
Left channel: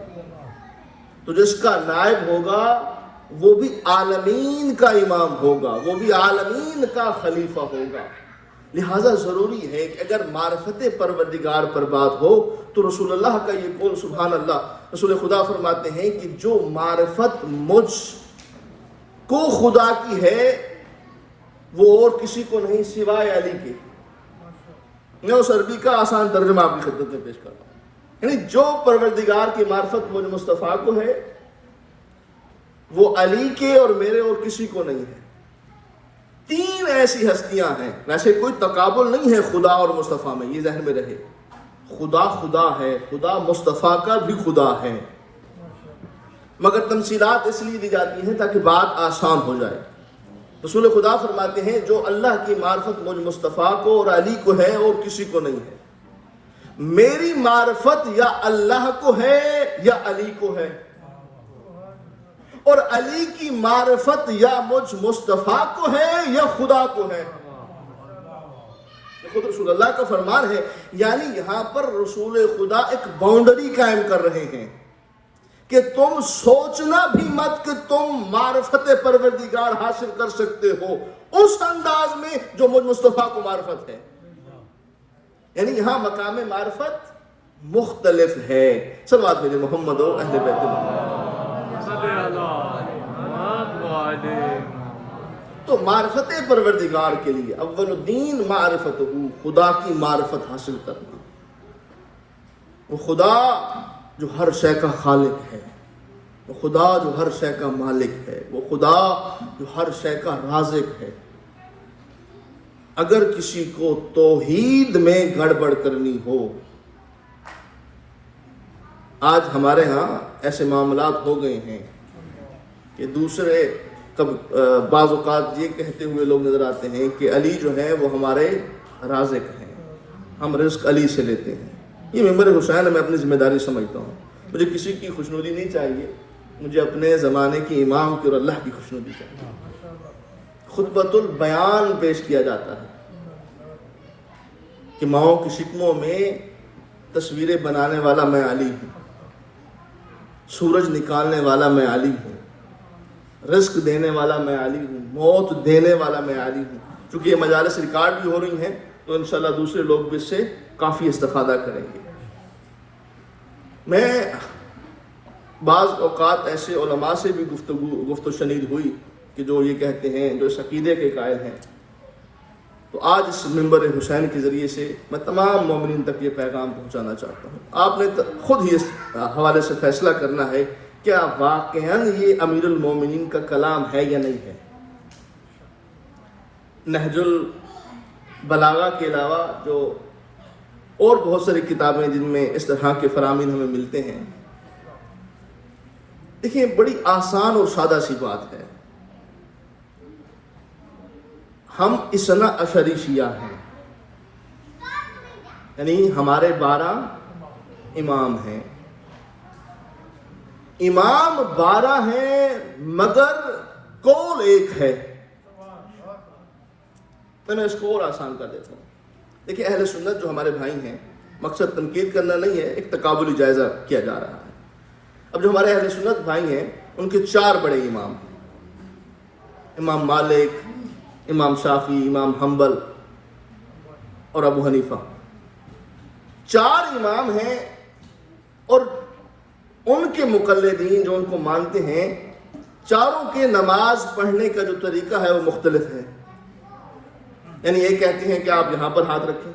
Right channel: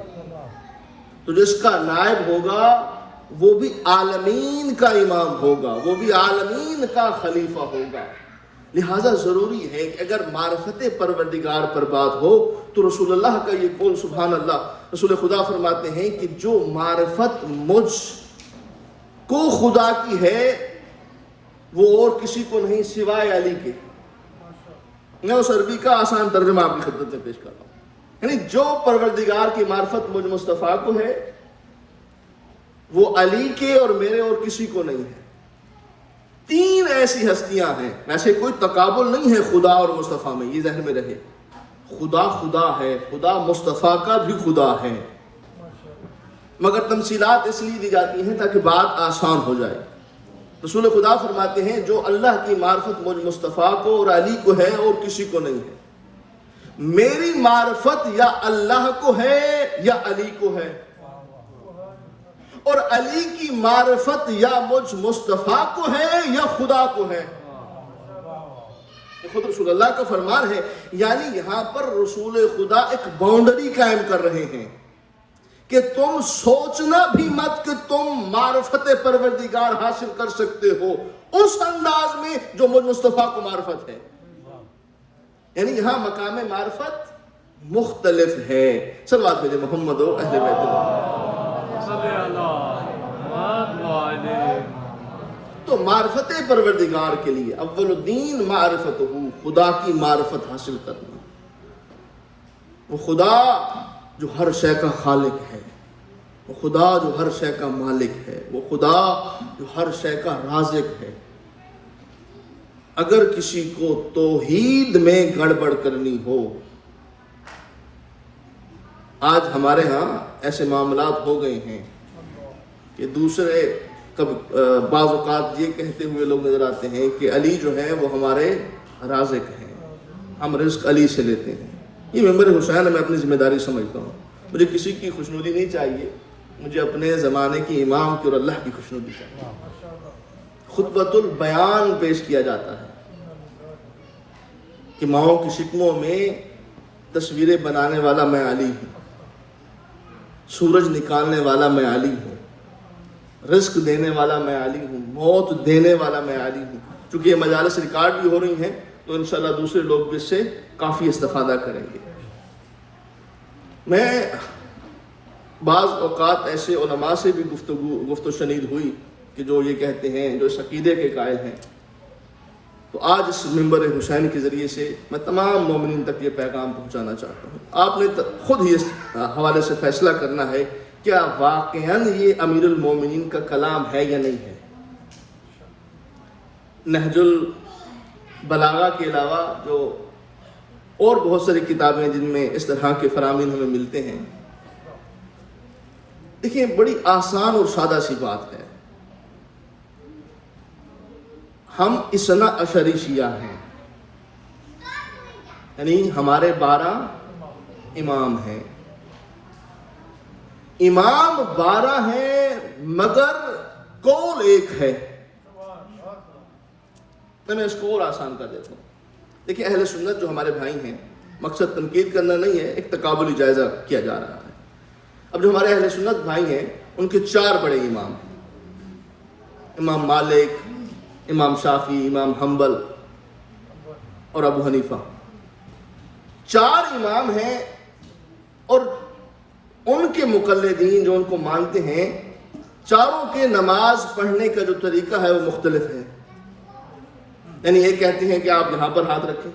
تو جس کا نائب ہوگا وہ بھی عالمین کا امام ہوگا، وہ بھی عالمین کا خلیفہ ہوگا۔ لہذا ضروری ہے کہ اگر معرفت پروردگار پر بات ہو تو رسول اللہ کا یہ قول سبحان اللہ، رسول خدا فرماتے ہیں کہ جو معرفت مجھ کو خدا کی ہے وہ اور کسی کو نہیں سوائے علی کے۔ میں اس عربی کا آسان ترجمہ آپ کی خدمت میں پیش کر رہا ہوں۔ یعنی جو پروردگار کی معرفت مجھ مصطفیٰ کو ہے وہ علی کے اور میرے اور کسی کو نہیں ہے۔ تین ایسی ہستیاں ہیں، ویسے کوئی تقابل نہیں ہے خدا اور مصطفیٰ میں، یہ ذہن میں رہے۔ خدا خدا ہے، خدا مصطفیٰ کا بھی خدا ہے، مگر تمثیلات اس لیے دی جاتی ہیں تاکہ بات آسان ہو جائے۔ رسول خدا فرماتے ہیں جو اللہ کی معرفت مجھ مصطفیٰ کو اور علی کو ہے اور کسی کو نہیں ہے، میری معرفت یا اللہ کو ہے یا علی کو ہے، اور علی کی معرفت یا مجھ مصطفیٰ کو ہے یا خدا کو ہے۔ خود رسول اللہ کا فرمان ہے، یعنی یہاں پر رسول خدا ایک باؤنڈری قائم کر رہے ہیں کہ تم سوچنا بھی مت کہ تم معرفت پروردگار حاصل کر سکتے ہو اس انداز میں جو مجھ مصطفیٰ کو معرفت ہے. یعنی یہاں مقام معرفت مختلف ہے. صلوات بھیجے محمد و اہل بیت اللہ. تو معرفت پروردگار کے لیے اول الدین معرفت ہو، خدا کی معرفت حاصل کرنا. وہ خدا جو ہر شے کا خالق ہے، وہ خدا جو ہر شے کا مالک ہے، وہ خدا جو ہر شے کا رازق ہے. اگر کسی کو توحید میں گڑبڑ کرنی ہو، آج ہمارے ہاں ایسے معاملات ہو گئے ہیں کہ دوسرے بعض اوقات یہ کہتے ہوئے لوگ نظر آتے ہیں کہ علی جو ہے وہ ہمارے رازق ہیں، ہم رزق علی سے لیتے ہیں. یہ ممبر حسین میں اپنی ذمہ داری سمجھتا ہوں. مجھے کسی کی خوشنودی نہیں چاہیے، مجھے اپنے زمانے کی امام کی اور اللہ کی خوشنودی چاہیے. خطبۃ البیان پیش کیا جاتا ہے کہ ماؤں کی شکموں میں تصویریں بنانے والا میں علی ہوں، سورج نکالنے والا میں علی ہوں، رزق دینے والا میں علی ہوں، موت دینے والا میں علی ہوں. چونکہ یہ مجالس ریکارڈ بھی ہو رہی ہیں تو انشاءاللہ دوسرے لوگ بھی اس سے کافی استفادہ کریں گے. میں بعض اوقات ایسے علماء سے بھی گفت و شنید ہوئی کہ جو یہ کہتے ہیں، جو اس عقیدے کے قائل ہیں. تو آج اس منبر حسین کے ذریعے سے میں تمام مومنین تک یہ پیغام پہنچانا چاہتا ہوں. آپ نے خود ہی اس حوالے سے فیصلہ کرنا ہے کیا واقعاً یہ امیر المومنین کا کلام ہے یا نہیں ہے. نہج البلاغہ کے علاوہ جو اور بہت ساری کتابیں جن میں اس طرح کے فرامین ہمیں ملتے ہیں، دیکھیں بڑی آسان اور سادہ سی بات ہے. ہم اثنا عشری شیعہ ہیں، یعنی ہمارے 12 امام ہیں. امام 12 ہیں مگر قول ایک ہے. میں اس کو اور آسان کر دیتا ہوں. دیکھیں اہل سنت جو ہمارے بھائی ہیں، مقصد تنقید کرنا نہیں ہے، ایک تقابلی جائزہ کیا جا رہا ہے. اب جو ہمارے اہل سنت بھائی ہیں ان کے 4 بڑے امام ہیں، امام مالک، امام شافعی، امام حنبل اور ابو حنیفہ. 4 امام ہیں اور ان کے مقلدین جو ان کو مانتے ہیں، چاروں کے نماز پڑھنے کا جو طریقہ ہے وہ مختلف ہے. یعنی یہ کہتے ہیں کہ آپ یہاں پر ہاتھ رکھیں،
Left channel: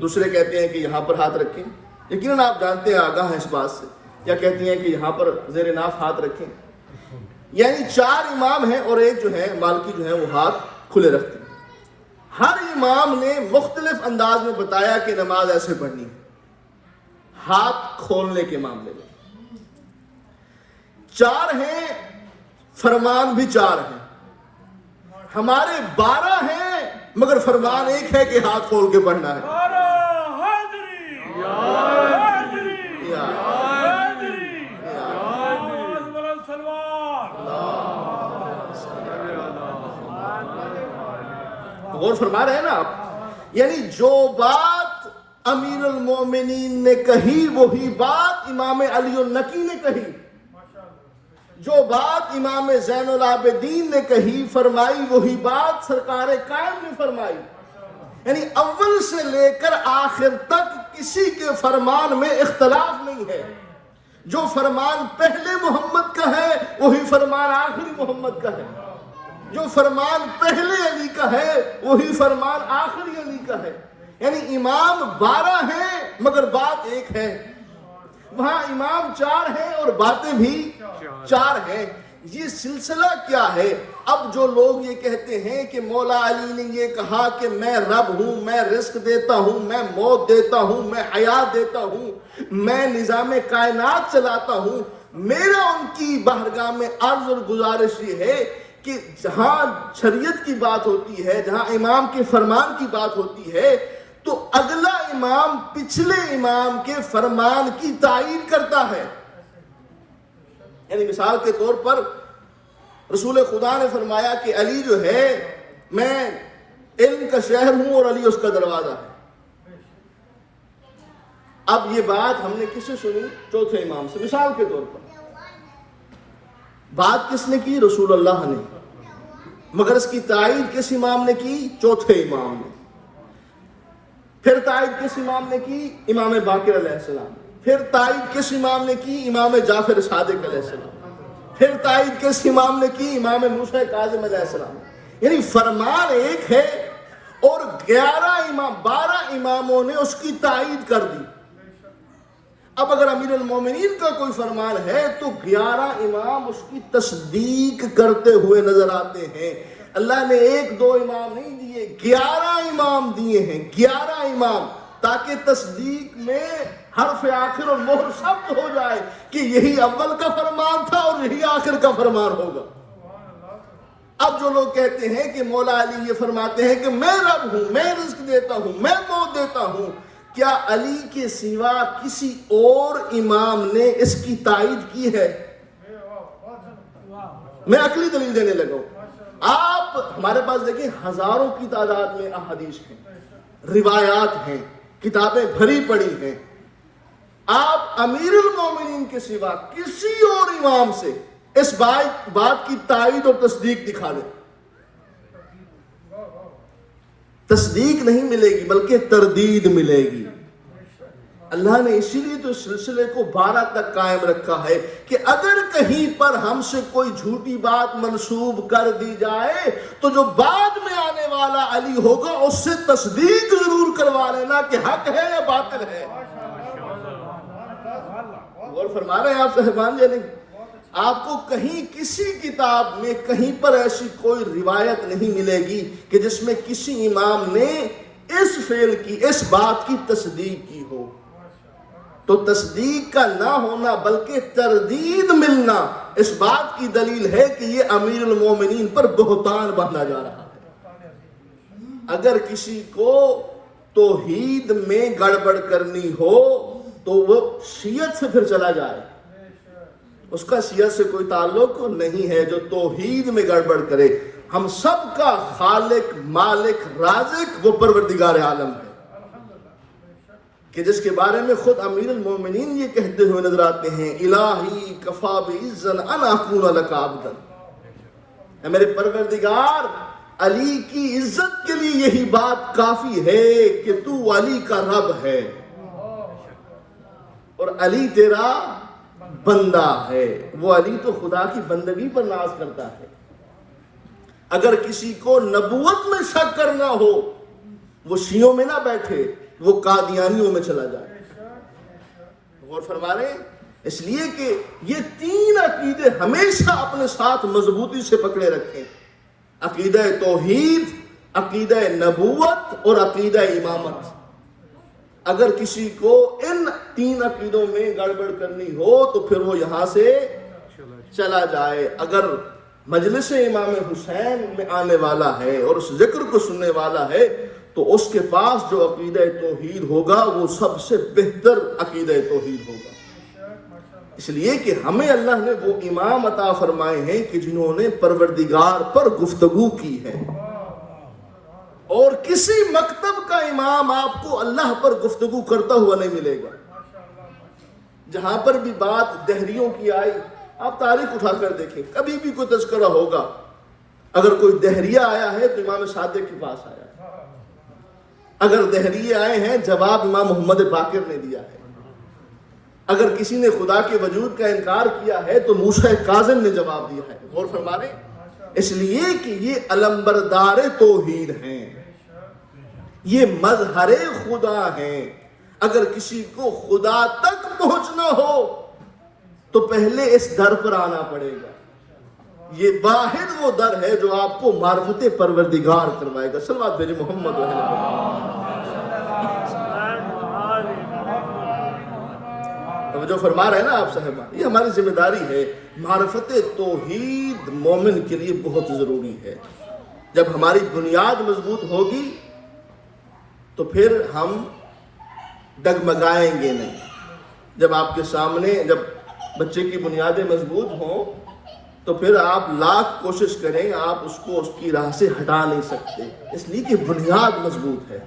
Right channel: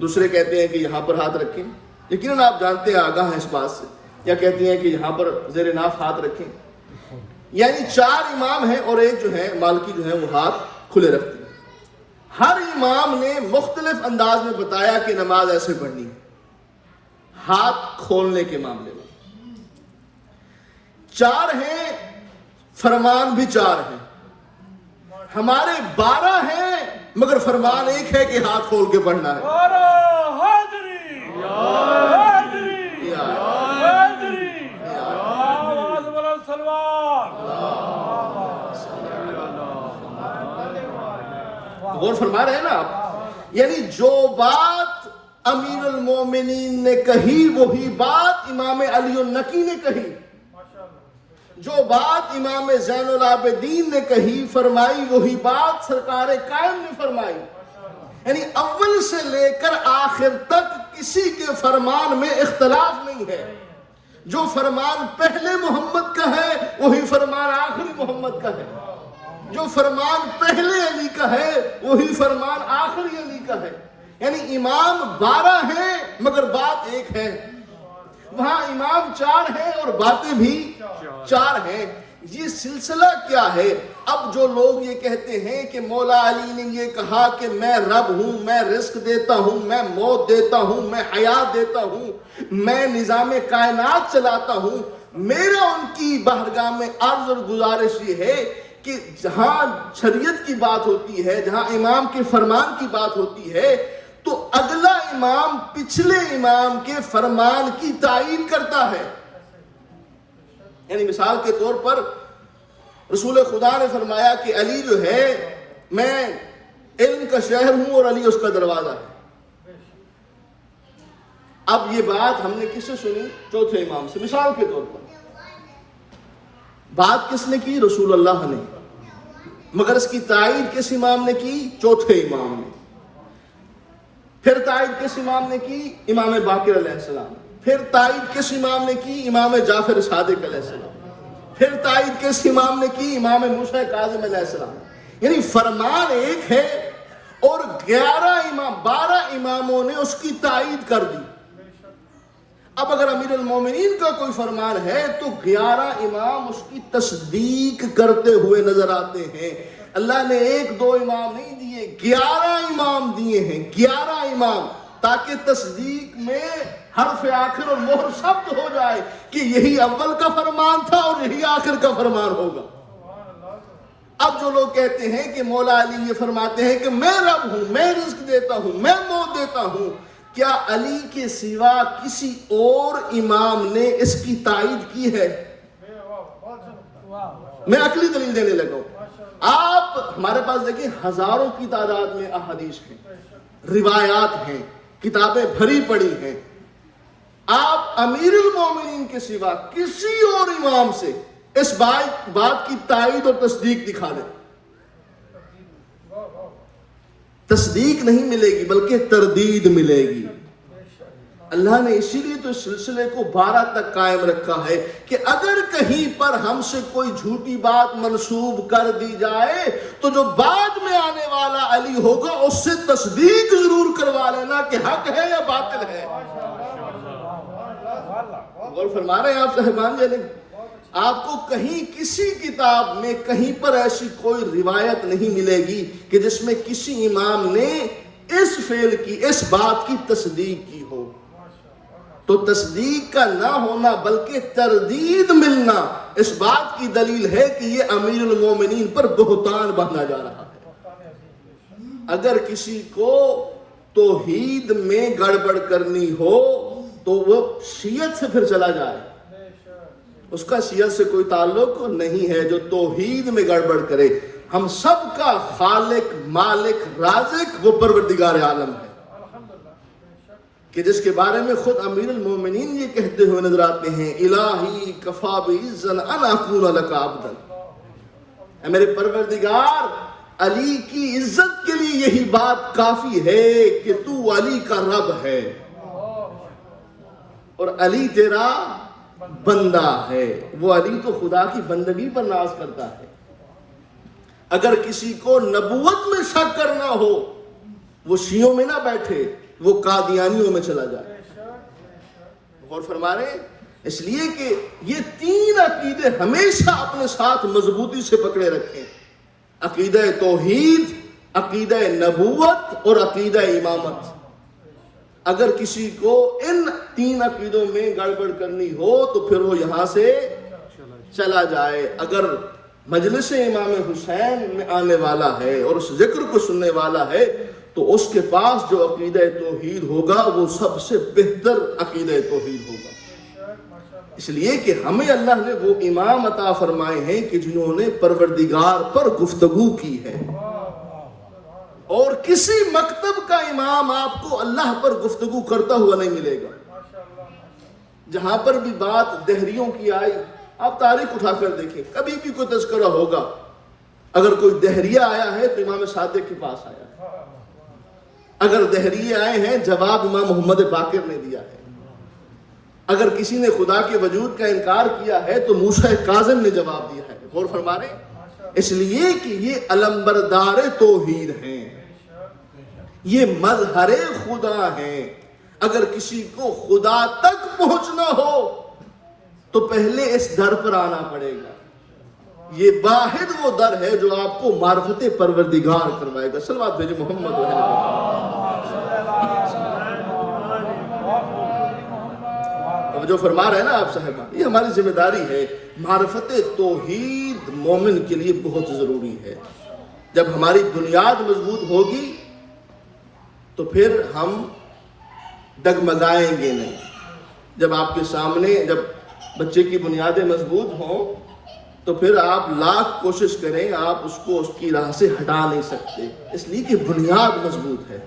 دوسرے کہتے ہیں کہ یہاں پر ہاتھ رکھیں. یقیناً آپ جانتے ہیں، آگاہ ہیں اس بات سے. یا کہتے ہیں کہ یہاں پر زیر ناف ہاتھ رکھیں. یعنی 4 امام ہیں اور ایک جو ہے مالکی جو ہے وہ ہاتھ کھلے رکھتے ہیں. ہر امام نے مختلف انداز میں بتایا کہ نماز ایسے پڑھنی ہے. ہاتھ کھولنے کے معاملے میں 4 ہیں، فرمان بھی 4 ہیں. ہمارے 12 ہیں مگر فرمان ایک ہے کہ ہاتھ کھول کے پڑھنا ہے. غور فرما رہے ہیں نا آپ. یعنی جو بات امیر المومنین نے کہی وہی بات امام علی النقی نے کہی، جو بات امام زین العابدین نے کہی فرمائی وہی بات سرکار قائم نے فرمائی. یعنی اول سے لے کر آخر تک کسی کے فرمان میں اختلاف نہیں ہے. جو فرمان پہلے محمد کا ہے وہی فرمان آخری محمد کا ہے. جو فرمان پہلے علی کا ہے وہی فرمان آخری علی کا ہے. یعنی امام 12 ہیں مگر بات ایک ہے. وہاں امام 4 ہیں اور باتیں بھی 4 ہیں. یہ سلسلہ کیا ہے؟ اب جو لوگ یہ کہتے ہیں کہ مولا علی نے یہ کہا کہ میں رب ہوں، میں رزق دیتا ہوں، میں موت دیتا ہوں، میں حیات دیتا ہوں، میں نظام کائنات چلاتا ہوں، میرا ان کی بارگاہ میں عرض اور گزارش یہ ہے کہ جہاں شریعت کی بات ہوتی ہے، جہاں امام کے فرمان کی بات ہوتی ہے، تو اگلا امام پچھلے امام کے فرمان کی تائید کرتا ہے. یعنی مثال کے طور پر رسول خدا نے فرمایا کہ علی جو ہے میں علم کا شہر ہوں اور علی اس کا دروازہ ہے. اب یہ بات ہم نے کس سے سنی؟ چوتھے امام سے. مثال کے طور پر بات کس نے کی؟ رسول اللہ نے. مگر اس کی تائید کس امام نے کی؟ چوتھے امام نے. پھر تائید کس امام نے کی؟ امام باقر علیہ السلام. پھر تائید کس امام نے کی؟ امام جعفر صادق علیہ السلام. پھر تائید کس امام نے کی؟ امام موسیٰ کاظم علیہ السلام. یعنی فرمان ایک ہے اور 12 اماموں نے اس کی تائید کر دی. اب اگر امیر المومنین کا کوئی فرمان ہے تو 11 امام اس کی تصدیق کرتے ہوئے نظر آتے ہیں. اللہ نے 1-2 امام نہیں دیے، 11 امام دیے ہیں. 11 امام، تاکہ تصدیق میں حرف آخر اور مہر ثبت ہو جائے کہ یہی اول کا فرمان تھا اور یہی آخر کا فرمان ہوگا. اب جو لوگ کہتے ہیں کہ مولا علی یہ فرماتے ہیں کہ میں رب ہوں، میں رزق دیتا ہوں، میں موت دیتا ہوں، کیا علی کے سوا کسی اور امام نے اس کی تائید کی ہے؟ میں عقلی دلیل دینے لگا ہوں. آپ ہمارے پاس دیکھیں ہزاروں کی تعداد میں احادیث ہیں، روایات ہیں، کتابیں بھری پڑی ہیں. آپ امیر المومنین کے سوا کسی اور امام سے اس بات کی تائید اور تصدیق دکھا دیں، تصدیق نہیں ملے گی بلکہ تردید ملے گی. اللہ نے اسی لیے تو سلسلے کو 12 تک قائم رکھا ہے کہ اگر کہیں پر ہم سے کوئی جھوٹی بات منسوب کر دی جائے تو جو بعد میں آنے والا علی ہوگا اس سے تصدیق ضرور کروا لینا کہ حق ہے یا باطل ہے. اور فرما رہے ہیں آپ صاحبان جی، آپ کو کہیں کسی کتاب میں کہیں پر ایسی کوئی روایت نہیں ملے گی کہ جس میں کسی امام نے اس فعل کی، اس بات کی تصدیق کی ہو. تو تصدیق کا نہ ہونا بلکہ تردید ملنا اس بات کی دلیل ہے کہ یہ امیر المومنین پر بہتان باندھا جا رہا ہے. اگر کسی کو توحید میں گڑبڑ کرنی ہو تو وہ شیعت سے پھر چلا جائے، اس کا شیعت سے کوئی تعلق نہیں ہے. جو توحید میں گڑبڑ کرے، ہم سب کا خالق، مالک، رازق وہ پروردگار عالم ہے کہ جس کے بارے میں خود امیر المومنین یہ کہتے ہوئے نظر آتے ہیں، الہی کفا بعزن ان اکون لک عبدا. اے میرے پروردگار، علی کی عزت کے لیے یہی بات کافی ہے کہ تو علی کا رب ہے اور علی تیرا بندہ ہے. وہ علی تو خدا کی بندگی پر ناز کرتا ہے. اگر کسی کو نبوت میں شک کرنا ہو وہ شیعوں میں نہ بیٹھے، وہ قادیانیوں میں چلا جائے. غور فرما رہے ہیں؟ اس لیے کہ یہ 3 عقیدے ہمیشہ اپنے ساتھ مضبوطی سے پکڑے رکھیں: عقیدہ توحید، عقیدہ نبوت اور عقیدہ امامت. اگر کسی کو ان 3 عقیدوں میں گڑبڑ کرنی ہو تو پھر وہ یہاں سے چلا جائے. اگر مجلس امام حسین میں آنے والا ہے اور اس ذکر کو سننے والا ہے تو اس کے پاس جو عقیدہ توحید ہوگا وہ سب سے بہتر عقیدہ توحید ہوگا. اس لیے کہ ہمیں اللہ نے وہ امام عطا فرمائے ہیں کہ جنہوں نے پروردگار پر گفتگو کی ہے، اور کسی مکتب کا امام آپ کو اللہ پر گفتگو کرتا ہوا نہیں ملے گا. جہاں پر بھی بات دہریوں کی آئی، آپ تاریخ اٹھا کر دیکھیں، کبھی بھی کوئی تذکرہ ہوگا، اگر کوئی دہریہ آیا ہے تو امام صادق کے پاس آیا. اگر دہریے آئے ہیں جواب امام محمد باقر نے دیا ہے. اگر کسی نے خدا کے وجود کا انکار کیا ہے تو موسیٰ کاظم نے جواب دیا ہے. غور فرما رہے ہیں؟ اس لیے کہ یہ علمبردار توحید ہیں، یہ مظہر خدا ہیں. اگر کسی کو خدا تک پہنچنا ہو تو پہلے اس در پر آنا پڑے گا. یہ واحد وہ در ہے جو آپ کو معرفت پروردگار کروائے گا. صلوات بھیجیں محمد جو فرما رہے ہیں نا آپ صاحبان، یہ ہماری ذمہ داری ہے. معرفت توحید مومن کے لیے بہت ضروری ہے. جب ہماری بنیاد مضبوط ہوگی تو پھر ہم ڈگمگائیں گے نہیں. جب آپ کے سامنے جب بچے کی بنیادیں مضبوط ہوں تو پھر آپ لاکھ کوشش کریں آپ اس کو اس کی راہ سے ہٹا نہیں سکتے، اس لیے کہ بنیاد مضبوط ہے.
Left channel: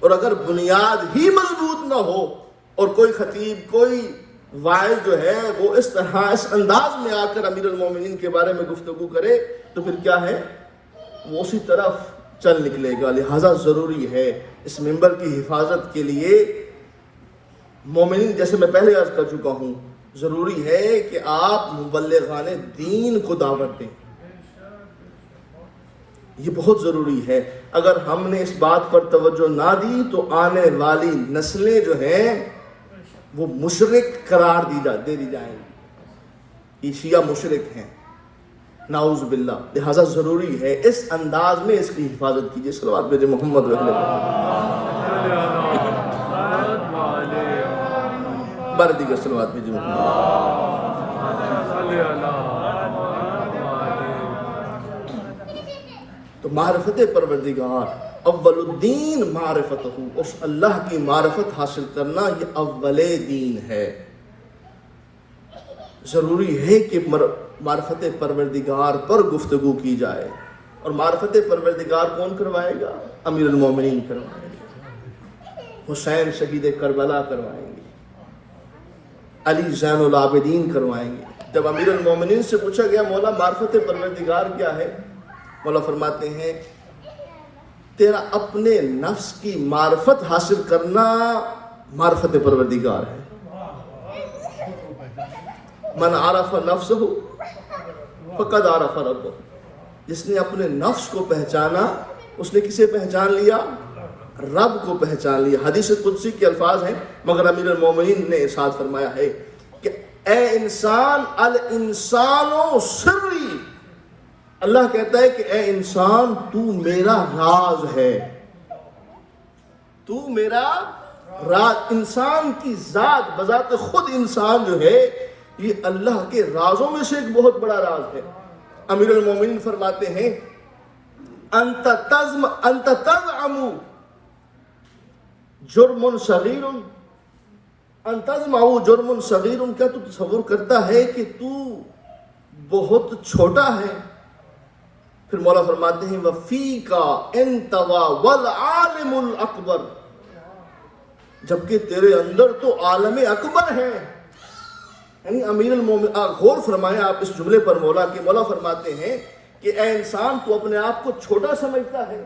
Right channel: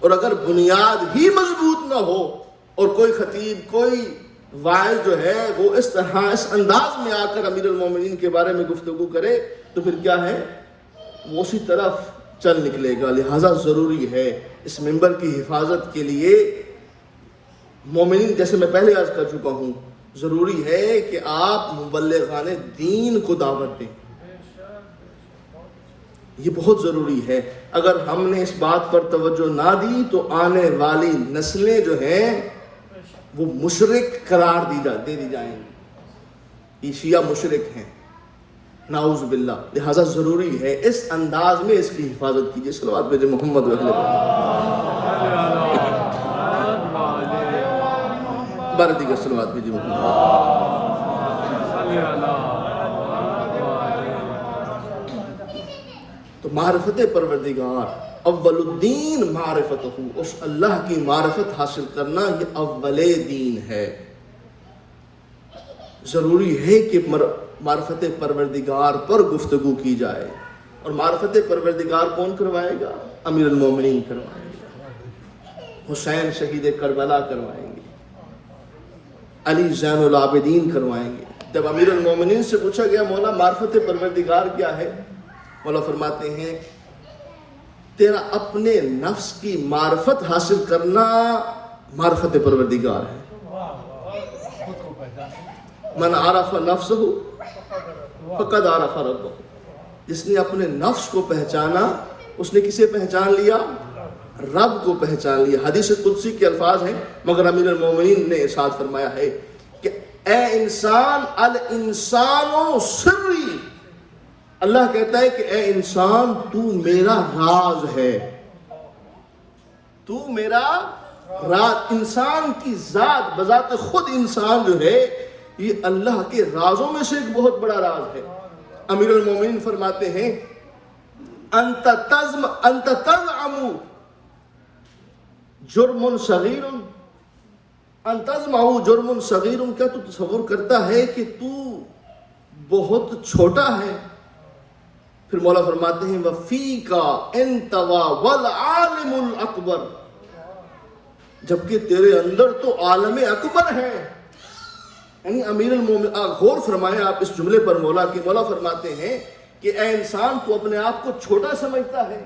اور اگر بنیاد ہی مضبوط نہ ہو اور کوئی خطیب، کوئی واعظ جو ہے وہ اس طرح اس انداز میں آ کر امیر المومنین کے بارے میں گفتگو کرے تو پھر کیا ہے، وہ اسی طرف چل نکلے گا۔ لہذا ضروری ہے اس منبر کی حفاظت کے لیے مومنین، جیسے میں پہلے عرض کر چکا ہوں، ضروری ہے کہ آپ مبلغان دین کو دعوت دیں۔ یہ بہت ضروری ہے۔ اگر ہم نے اس بات پر توجہ نہ دی تو آنے والی نسلیں جو ہیں وہ مشرک قرار دے دی جائیں گی، یہ شیعہ مشرک ہیں، نعوذ باللہ۔ لہذا ضروری ہے اس انداز میں اس کی حفاظت کیجیے۔ صلوات بھیجے محمد و بردی کے صلوات بھیجے محمد۔ تو معرفت پروردگار اول الدین معرفت ہو، اس اللہ کی معرفت حاصل کرنا یہ اول دین ہے۔ ضروری ہے کہ معرفت پروردگار پر گفتگو کی جائے، اور معرفت پروردگار کون کروائے گا؟ امیر المومنین کروائیں گے، حسین شہید کربلا کروائیں گے، علی زین العابدین کروائیں گے۔ جب امیر المومنین سے پوچھا گیا مولا معرفت پروردگار کیا ہے، مولا فرماتے ہیں تیرا اپنے نفس کی معرفت حاصل کرنا معرفت پروردگار ہے۔ من عرف نفسہ فقد عرف ربہ، جس نے اپنے نفس کو پہچانا اس نے کسے پہچان لیا؟ رب کو پہچان لیا۔ حدیث قدسی کے الفاظ ہیں، مگر امیر المومنین نے ارشاد فرمایا ہے کہ اے انسان، الانسان سری، اللہ کہتا ہے کہ اے انسان تو میرا راز ہے، تو میرا راز۔ انسان کی ذات بذات خود انسان جو ہے یہ اللہ کے رازوں میں سے ایک بہت بڑا راز ہے۔ امیر المومنین فرماتے ہیں انت تزعم جرم صغیر، انت تزعم جرم صغیر، کیا تو تصور کرتا ہے کہ تو بہت چھوٹا ہے؟ پھر مولا فرماتے ہیں وَفِيكَ اَنْتَوَا وَالْعَالِمُ الْأَكْبَرُ، جبکہ تیرے اندر تو عالم اکبر ہے۔ یعنی امیر المومنین، غور فرمائیں آپ اس جملے پر مولا کی، مولا فرماتے ہیں کہ اے انسان تو اپنے آپ کو چھوٹا سمجھتا ہے،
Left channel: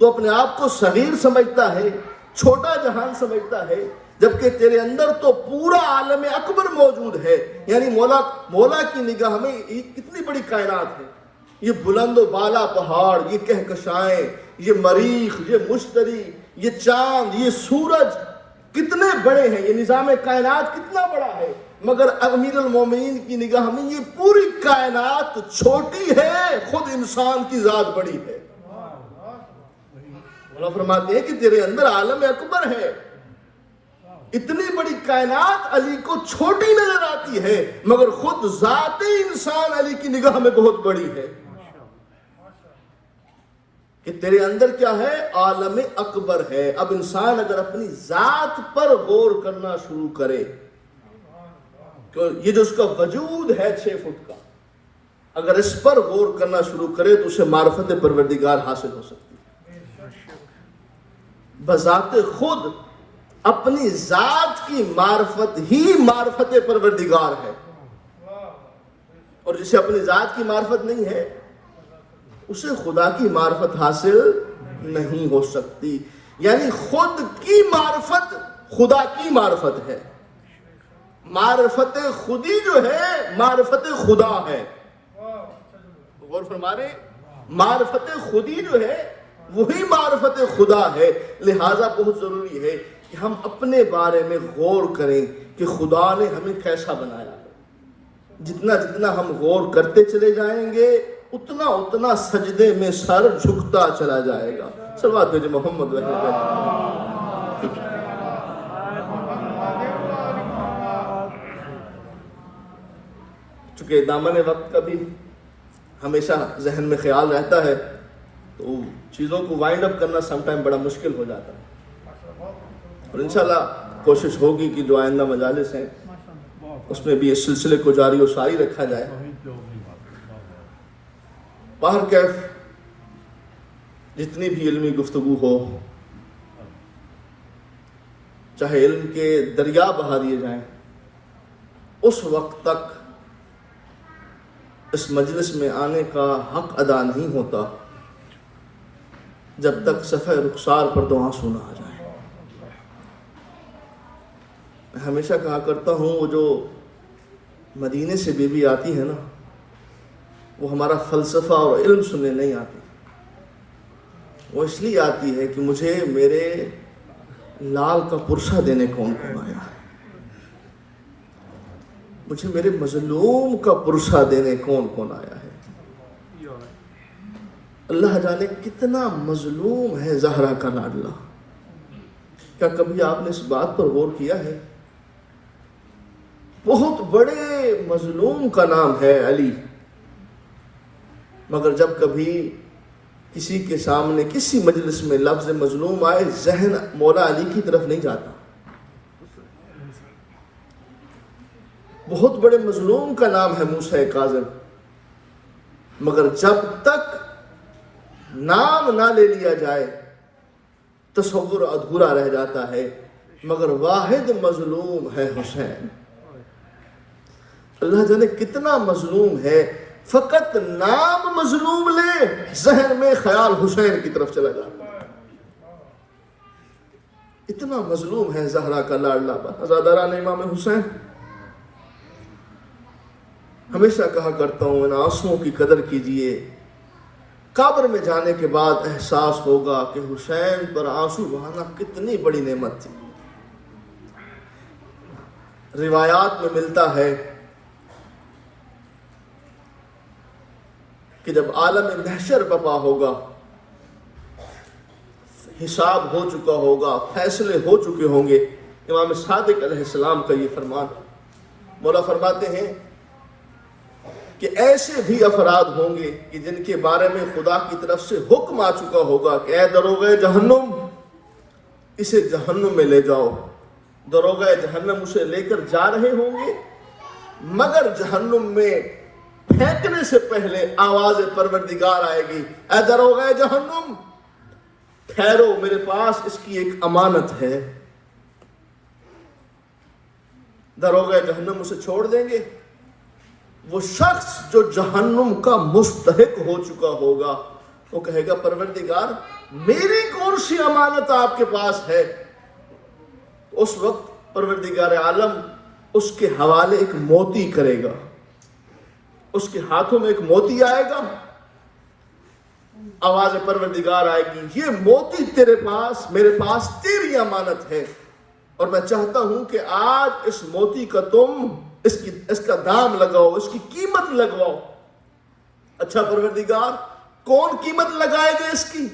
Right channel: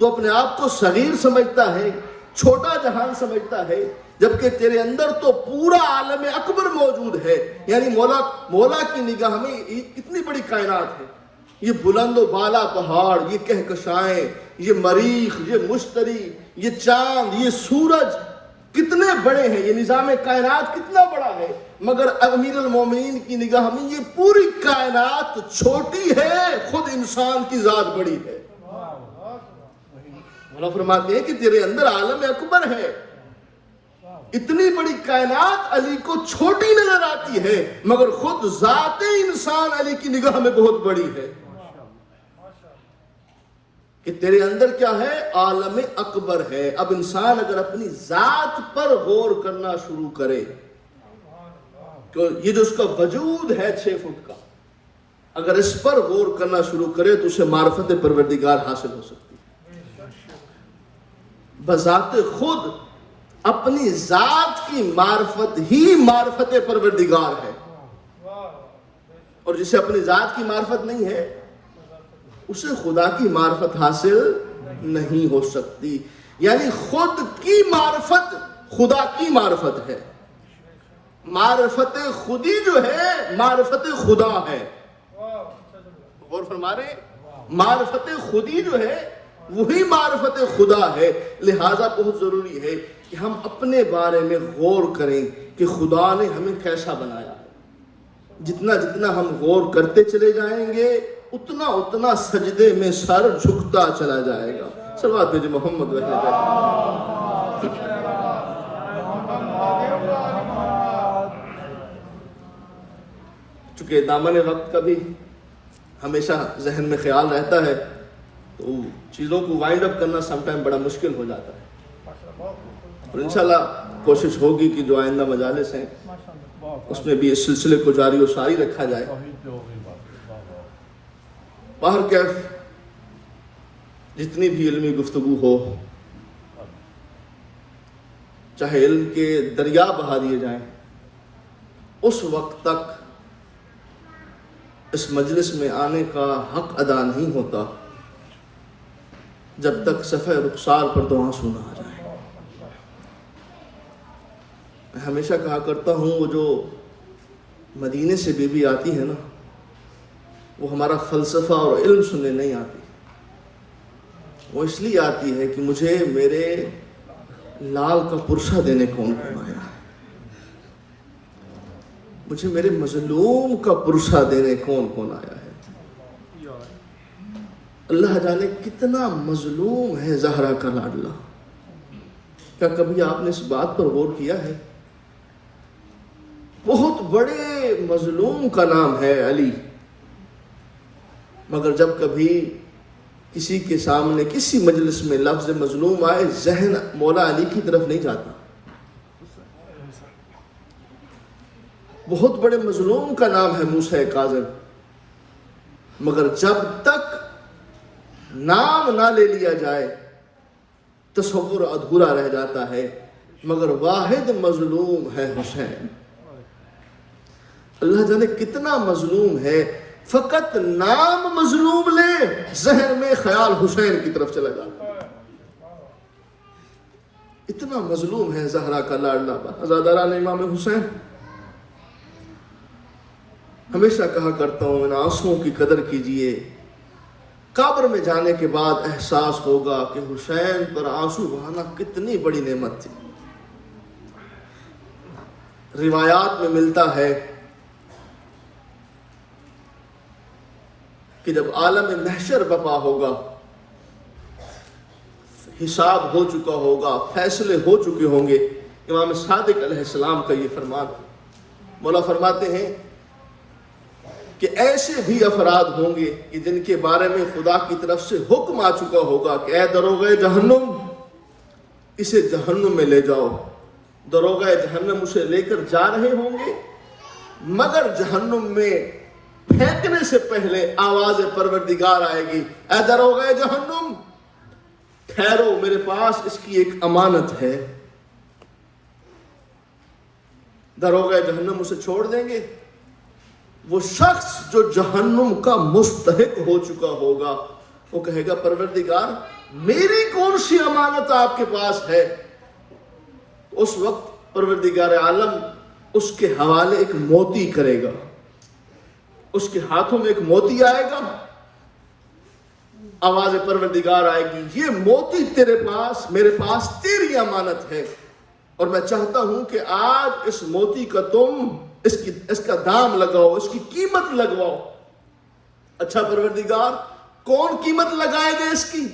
تو اپنے آپ کو صغیر سمجھتا ہے، چھوٹا جہان سمجھتا ہے، جبکہ تیرے اندر تو پورا عالم اکبر موجود ہے۔ یعنی مولا کی نگاہ میں کتنی بڑی کائنات ہے، یہ بلند و بالا پہاڑ، یہ کہکشائیں، یہ مریخ، یہ مشتری، یہ چاند، یہ سورج کتنے بڑے ہیں، یہ نظام کائنات کتنا بڑا ہے، مگر امیر المومنین کی نگاہ میں یہ پوری کائنات چھوٹی ہے، خود انسان کی ذات بڑی ہے۔ مولا فرماتے ہیں کہ تیرے اندر عالم اکبر ہے، اتنی بڑی کائنات علی کو چھوٹی نظر آتی ہے، مگر خود ذات انسان علی کی نگاہ میں بہت بڑی ہے۔ کہ تیرے اندر کیا ہے؟ عالم اکبر ہے۔ اب انسان اگر اپنی ذات پر غور کرنا شروع کرے، کہ یہ جو اس کا وجود ہے 6 فٹ کا، اگر اس پر غور کرنا شروع کرے تو اسے معرفت پروردگار حاصل ہو سکتی ہے۔ بذات خود اپنی ذات کی معرفت ہی معرفت پروردگار ہے، اور جسے اپنی ذات کی معرفت نہیں ہے اسے خدا کی معرفت حاصل نہیں ہو سکتی۔ یعنی خود کی معرفت خدا کی معرفت ہے، معرفت خودی جو ہے معرفت خدا ہے۔ غور فرما رہے، معرفت خودی جو ہے وہی معرفت خدا ہے۔ لہذا بہت ضروری ہے کہ ہم اپنے بارے میں غور کریں کہ خدا نے ہمیں کیسا بنایا ہے۔ جتنا جتنا ہم غور کرتے چلے جائیں گے اتنا اتنا سجدے میں سر جھکتا چلا جائے گا۔ صلوات بھیجے محمد و چونکہ دامن وقت کا بھی ہمیشہ ذہن میں خیال رہتا ہے تو چیزوں کو وائنڈ اپ کرنا سم ٹائم بڑا مشکل ہو جاتا ہے، اور انشاءاللہ کوشش ہوگی کہ جو آئندہ مجالس ہیں اس میں بھی اس سلسلے کو جاری و ساری رکھا جائے۔ باہر کیف جتنی بھی علمی گفتگو ہو چاہے علم کے دریا بہا دیے جائیں، اس وقت تک اس مجلس میں آنے کا حق ادا نہیں ہوتا جب تک صفحہ رخسار پر دو آنسو نہ آ جائیں۔ میں ہمیشہ کہا کرتا ہوں، وہ جو مدینے سے بیوی آتی ہے نا، وہ ہمارا فلسفہ اور علم سننے نہیں آتی، وہ اس لیے آتی ہے کہ مجھے میرے لال کا پرسہ دینے کون کون آیا ہے، مجھے میرے مظلوم کا پرسہ دینے کون کون آیا ہے۔ اللہ جانے کتنا مظلوم ہے زہرا کا لاڈلا۔ کیا کبھی آپ نے اس بات پر غور کیا ہے؟ بہت بڑے مظلوم کا نام ہے علی، مگر جب کبھی کسی کے سامنے کسی مجلس میں لفظ مظلوم آئے، ذہن مولا علی کی طرف نہیں جاتا۔ بہت بڑے مظلوم کا نام ہے موسیٰ کاظم، مگر جب تک نام نہ لے لیا جائے تصور ادھورا رہ جاتا ہے، مگر واحد مظلوم ہے حسین۔ اللہ جانے کتنا مظلوم ہے، فقط نام مظلوم لے ذہن میں خیال حسین کی طرف چلا جاتا ہے۔ اتنا مظلوم ہے زہرا کا لاڈلا عزاداران امام حسین۔ ہمیشہ کہا کرتا ہوں، ان آنسوؤں کی قدر کیجئے، قبر میں جانے کے بعد احساس ہوگا کہ حسین پر آنسو بہانا کتنی بڑی نعمت تھی۔ روایات میں ملتا ہے کہ جب عالم محشر برپا ہوگا، حساب ہو چکا ہوگا، فیصلے ہو چکے ہوں گے، امام صادق علیہ السلام کا یہ فرمان، مولا فرماتے ہیں کہ ایسے بھی افراد ہوں گے کہ جن کے بارے میں خدا کی طرف سے حکم آ چکا ہوگا کہ اے دروغہ جہنم، اسے جہنم میں لے جاؤ۔ دروغہ جہنم اسے لے کر جا رہے ہوں گے، مگر جہنم میں پھینکنے سے پہلے آواز پروردگار آئے گی، اے دروغہ جہنم ٹھہرو، میرے پاس اس کی ایک امانت ہے۔ دروغہ جہنم اسے چھوڑ دیں گے۔ وہ شخص جو جہنم کا مستحق ہو چکا ہوگا، وہ کہے گا پروردگار میری کون سی امانت آپ کے پاس ہے؟ اس وقت پروردگار عالم اس کے حوالے ایک موتی کرے گا، اس کے ہاتھوں میں ایک موتی آئے گا، آواز پروردگار آئے گی، یہ موتی تیرے پاس، میرے پاس تیری امانت ہے، اور میں چاہتا ہوں کہ آج اس موتی کا تم اس کا دام لگاؤ، اس کی قیمت لگواؤ۔ اچھا پروردگار کون قیمت لگائے گا اس کی؟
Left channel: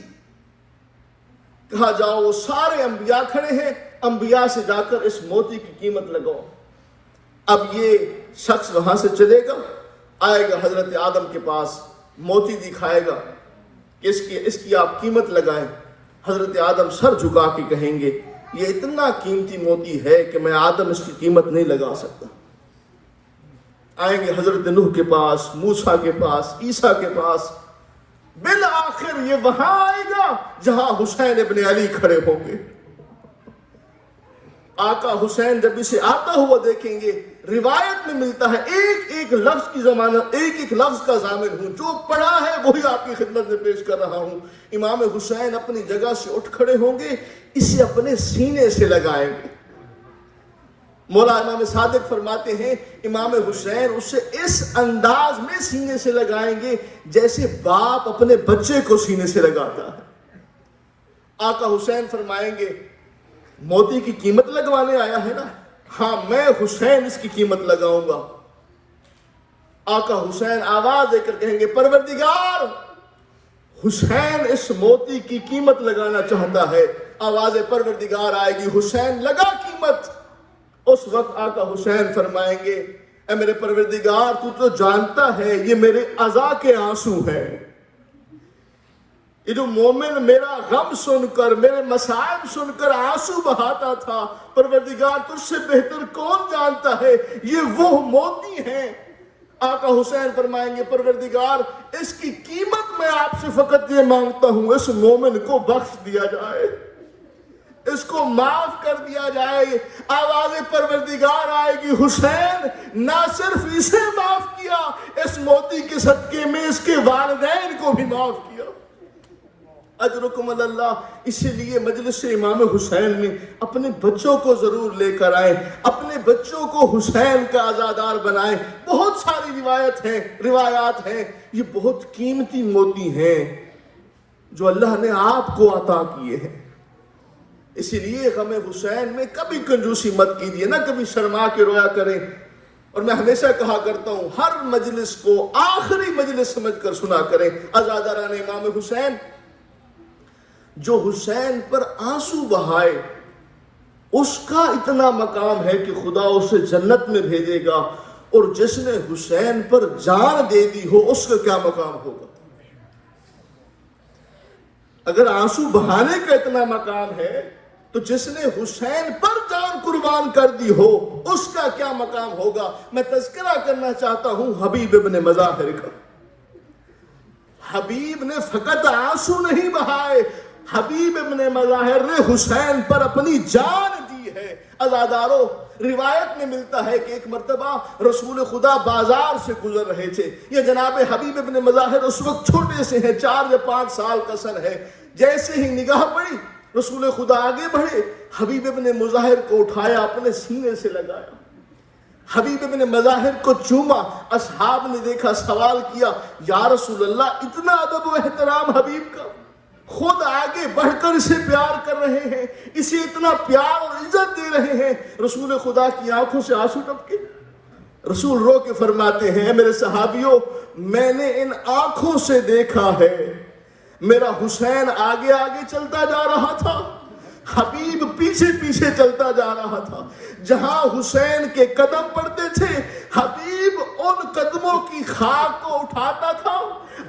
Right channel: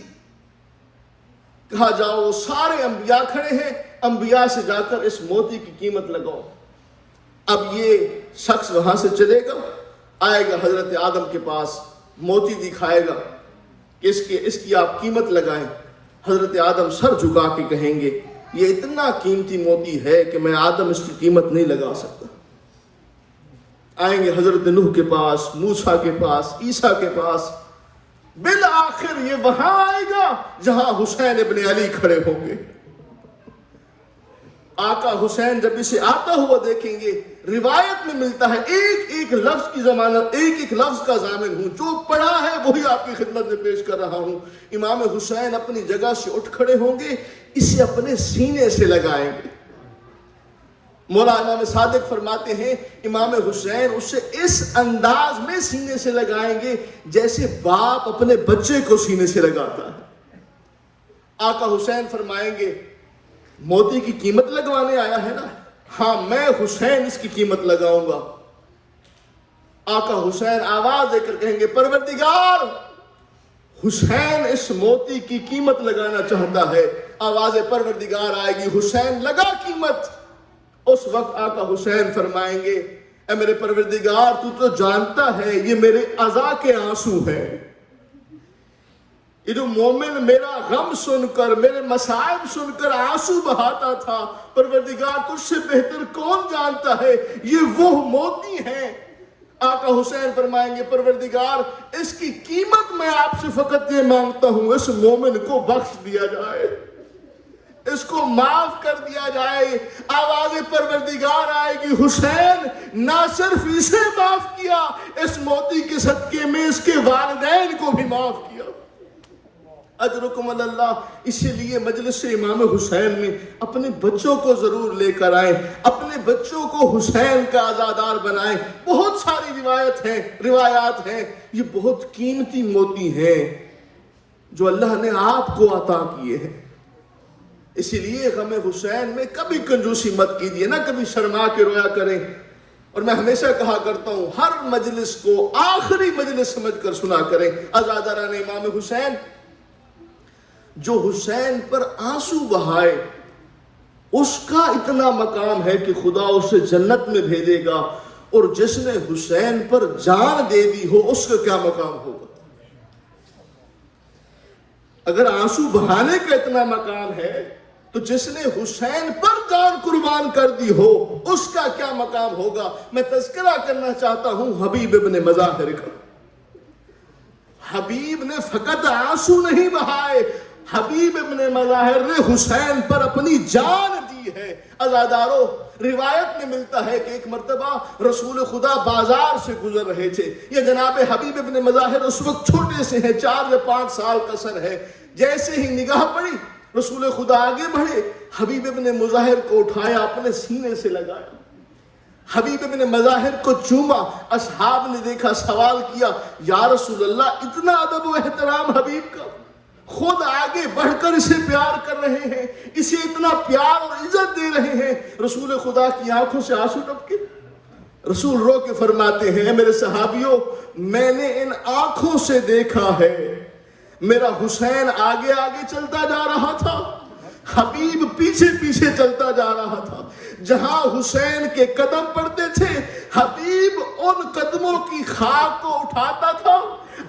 کہا جاؤ وہ سارے انبیاء کھڑے ہیں، انبیاء سے جا کر اس موتی کی قیمت لگاؤ۔ اب یہ شخص وہاں سے چلے گا، آئے گا حضرت آدم کے پاس، موتی دکھائے گا کہ اس کی آپ قیمت لگائیں۔ حضرت آدم سر جھکا کے کہیں گے یہ اتنا قیمتی موتی ہے کہ میں آدم اس کی قیمت نہیں لگا سکتا۔ آئیں گے حضرت نوح کے پاس، موسیٰ کے پاس، عیسیٰ کے پاس، بالآخر یہ وہاں آئے گا جہاں حسین ابن علی کھڑے ہوں گے۔ آقا حسین جب اسے آتا ہوا دیکھیں گے، روایت میں ملتا ہے ایک ایک لفظ کی ضمانت، ایک ایک لفظ کا ضامن ہوں، جو پڑھا ہے وہی آپ کی خدمت میں پیش کر رہا ہوں۔ امام حسین اپنی جگہ سے اٹھ کھڑے ہوں گے، اسے اپنے سینے سے لگائیں گے۔ مولا امام صادق فرماتے ہیں امام حسین اسے اس انداز میں سینے سے لگائیں گے جیسے باپ اپنے بچے کو سینے سے لگاتا ہے۔ آقا حسین فرمائیں گے موتی کی قیمت لگوانے آیا ہے نا؟ ہاں میں حسین اس کی قیمت لگاؤں گا۔ آقا حسین آواز دے کر کہیں گے پروردگار حسین اس موتی کی قیمت لگانا چاہتا ہے۔ آواز پروردگار آئے گی، حسین لگا قیمت۔ اس وقت آقا حسین فرمائیں گے اے میرے پروردگار تو جانتا ہے یہ میرے عزا کے آنسو ہیں، یہ جو مومن میرا غم سن کر، میرے مصائب سن کر آنسو بہاتا تھا، پروردگار تجھ سے بہتر کون جانتا ہے یہ وہ موتی ہیں۔ آقا حسین فرمائیں گے پروردگار اس کی قیمت میں آپ سے فقط یہ مانگتا ہوں اس مومن کو بخش دیا جائے، اس کو معاف کر دیا جائے. آواز پروردگار آئے گی حسین نہ صرف اسے معاف کیا، اس موتی کے صدقے میں اس کے والدین کو بھی معاف کیا. اجرکم اللہ. اسی لیے مجلس امام حسین میں اپنے بچوں کو ضرور لے کر آئیں، اپنے بچوں کو حسین کا عزادار بنائیں. بہت ساری روایات ہیں، یہ بہت قیمتی موتی ہیں جو اللہ نے آپ کو عطا کیے ہیں. اسی لیے غم حسین میں کبھی کنجوسی مت کیجیے، نہ کبھی شرما کے رویا کریں. اور میں ہمیشہ کہا کرتا ہوں ہر مجلس کو آخری مجلس سمجھ کر سنا کریں. عزاداران امام حسین، جو حسین پر آنسو بہائے اس کا اتنا مقام ہے کہ خدا اسے جنت میں بھیجے گا، اور جس نے حسین پر جان دے دی ہو اس کا کیا مقام ہوگا. اگر آنسو بہانے کا اتنا مقام ہے تو جس نے حسین پر جان قربان کر دی ہو اس کا کیا مقام ہوگا. میں تذکرہ کرنا چاہتا ہوں حبیب ابن مظاہر کا. حبیب نے فقط آنسو نہیں بہائے، حبیب ابن مظاہر نے حسین پر اپنی جان دی ہے. عزادارو، روایت میں ملتا ہے کہ ایک مرتبہ رسول خدا بازار سے گزر رہے تھے. یہ جناب حبیب ابن مظاہر اس وقت چھوٹے سے ہیں، 4 یا 5 سال کا سن ہے. جیسے ہی نگاہ پڑی رسول خدا آگے بڑھے، حبیب ابن مظاہر کو اٹھایا، اپنے سینے سے لگایا، حبیب ابن مظاہر کو چوما. اصحاب نے دیکھا، سوال کیا، یا رسول اللہ اتنا ادب و احترام حبیب کا، خود آگے بڑھ کر اسے پیار کر رہے ہیں، اسے اتنا پیار اور عزت دے رہے ہیں. رسول خدا کی آنکھوں سے آنسو ٹپکے. رسول رو کے فرماتے ہیں، میرے صحابیوں، میں نے ان آنکھوں سے دیکھا ہے میرا حسین آگے آگے چلتا جا رہا تھا، حبیب پیچھے پیچھے چلتا جا رہا تھا. جہاں حسین کے قدم پڑتے تھے حبیب ان قدموں کی خاک کو اٹھاتا تھا،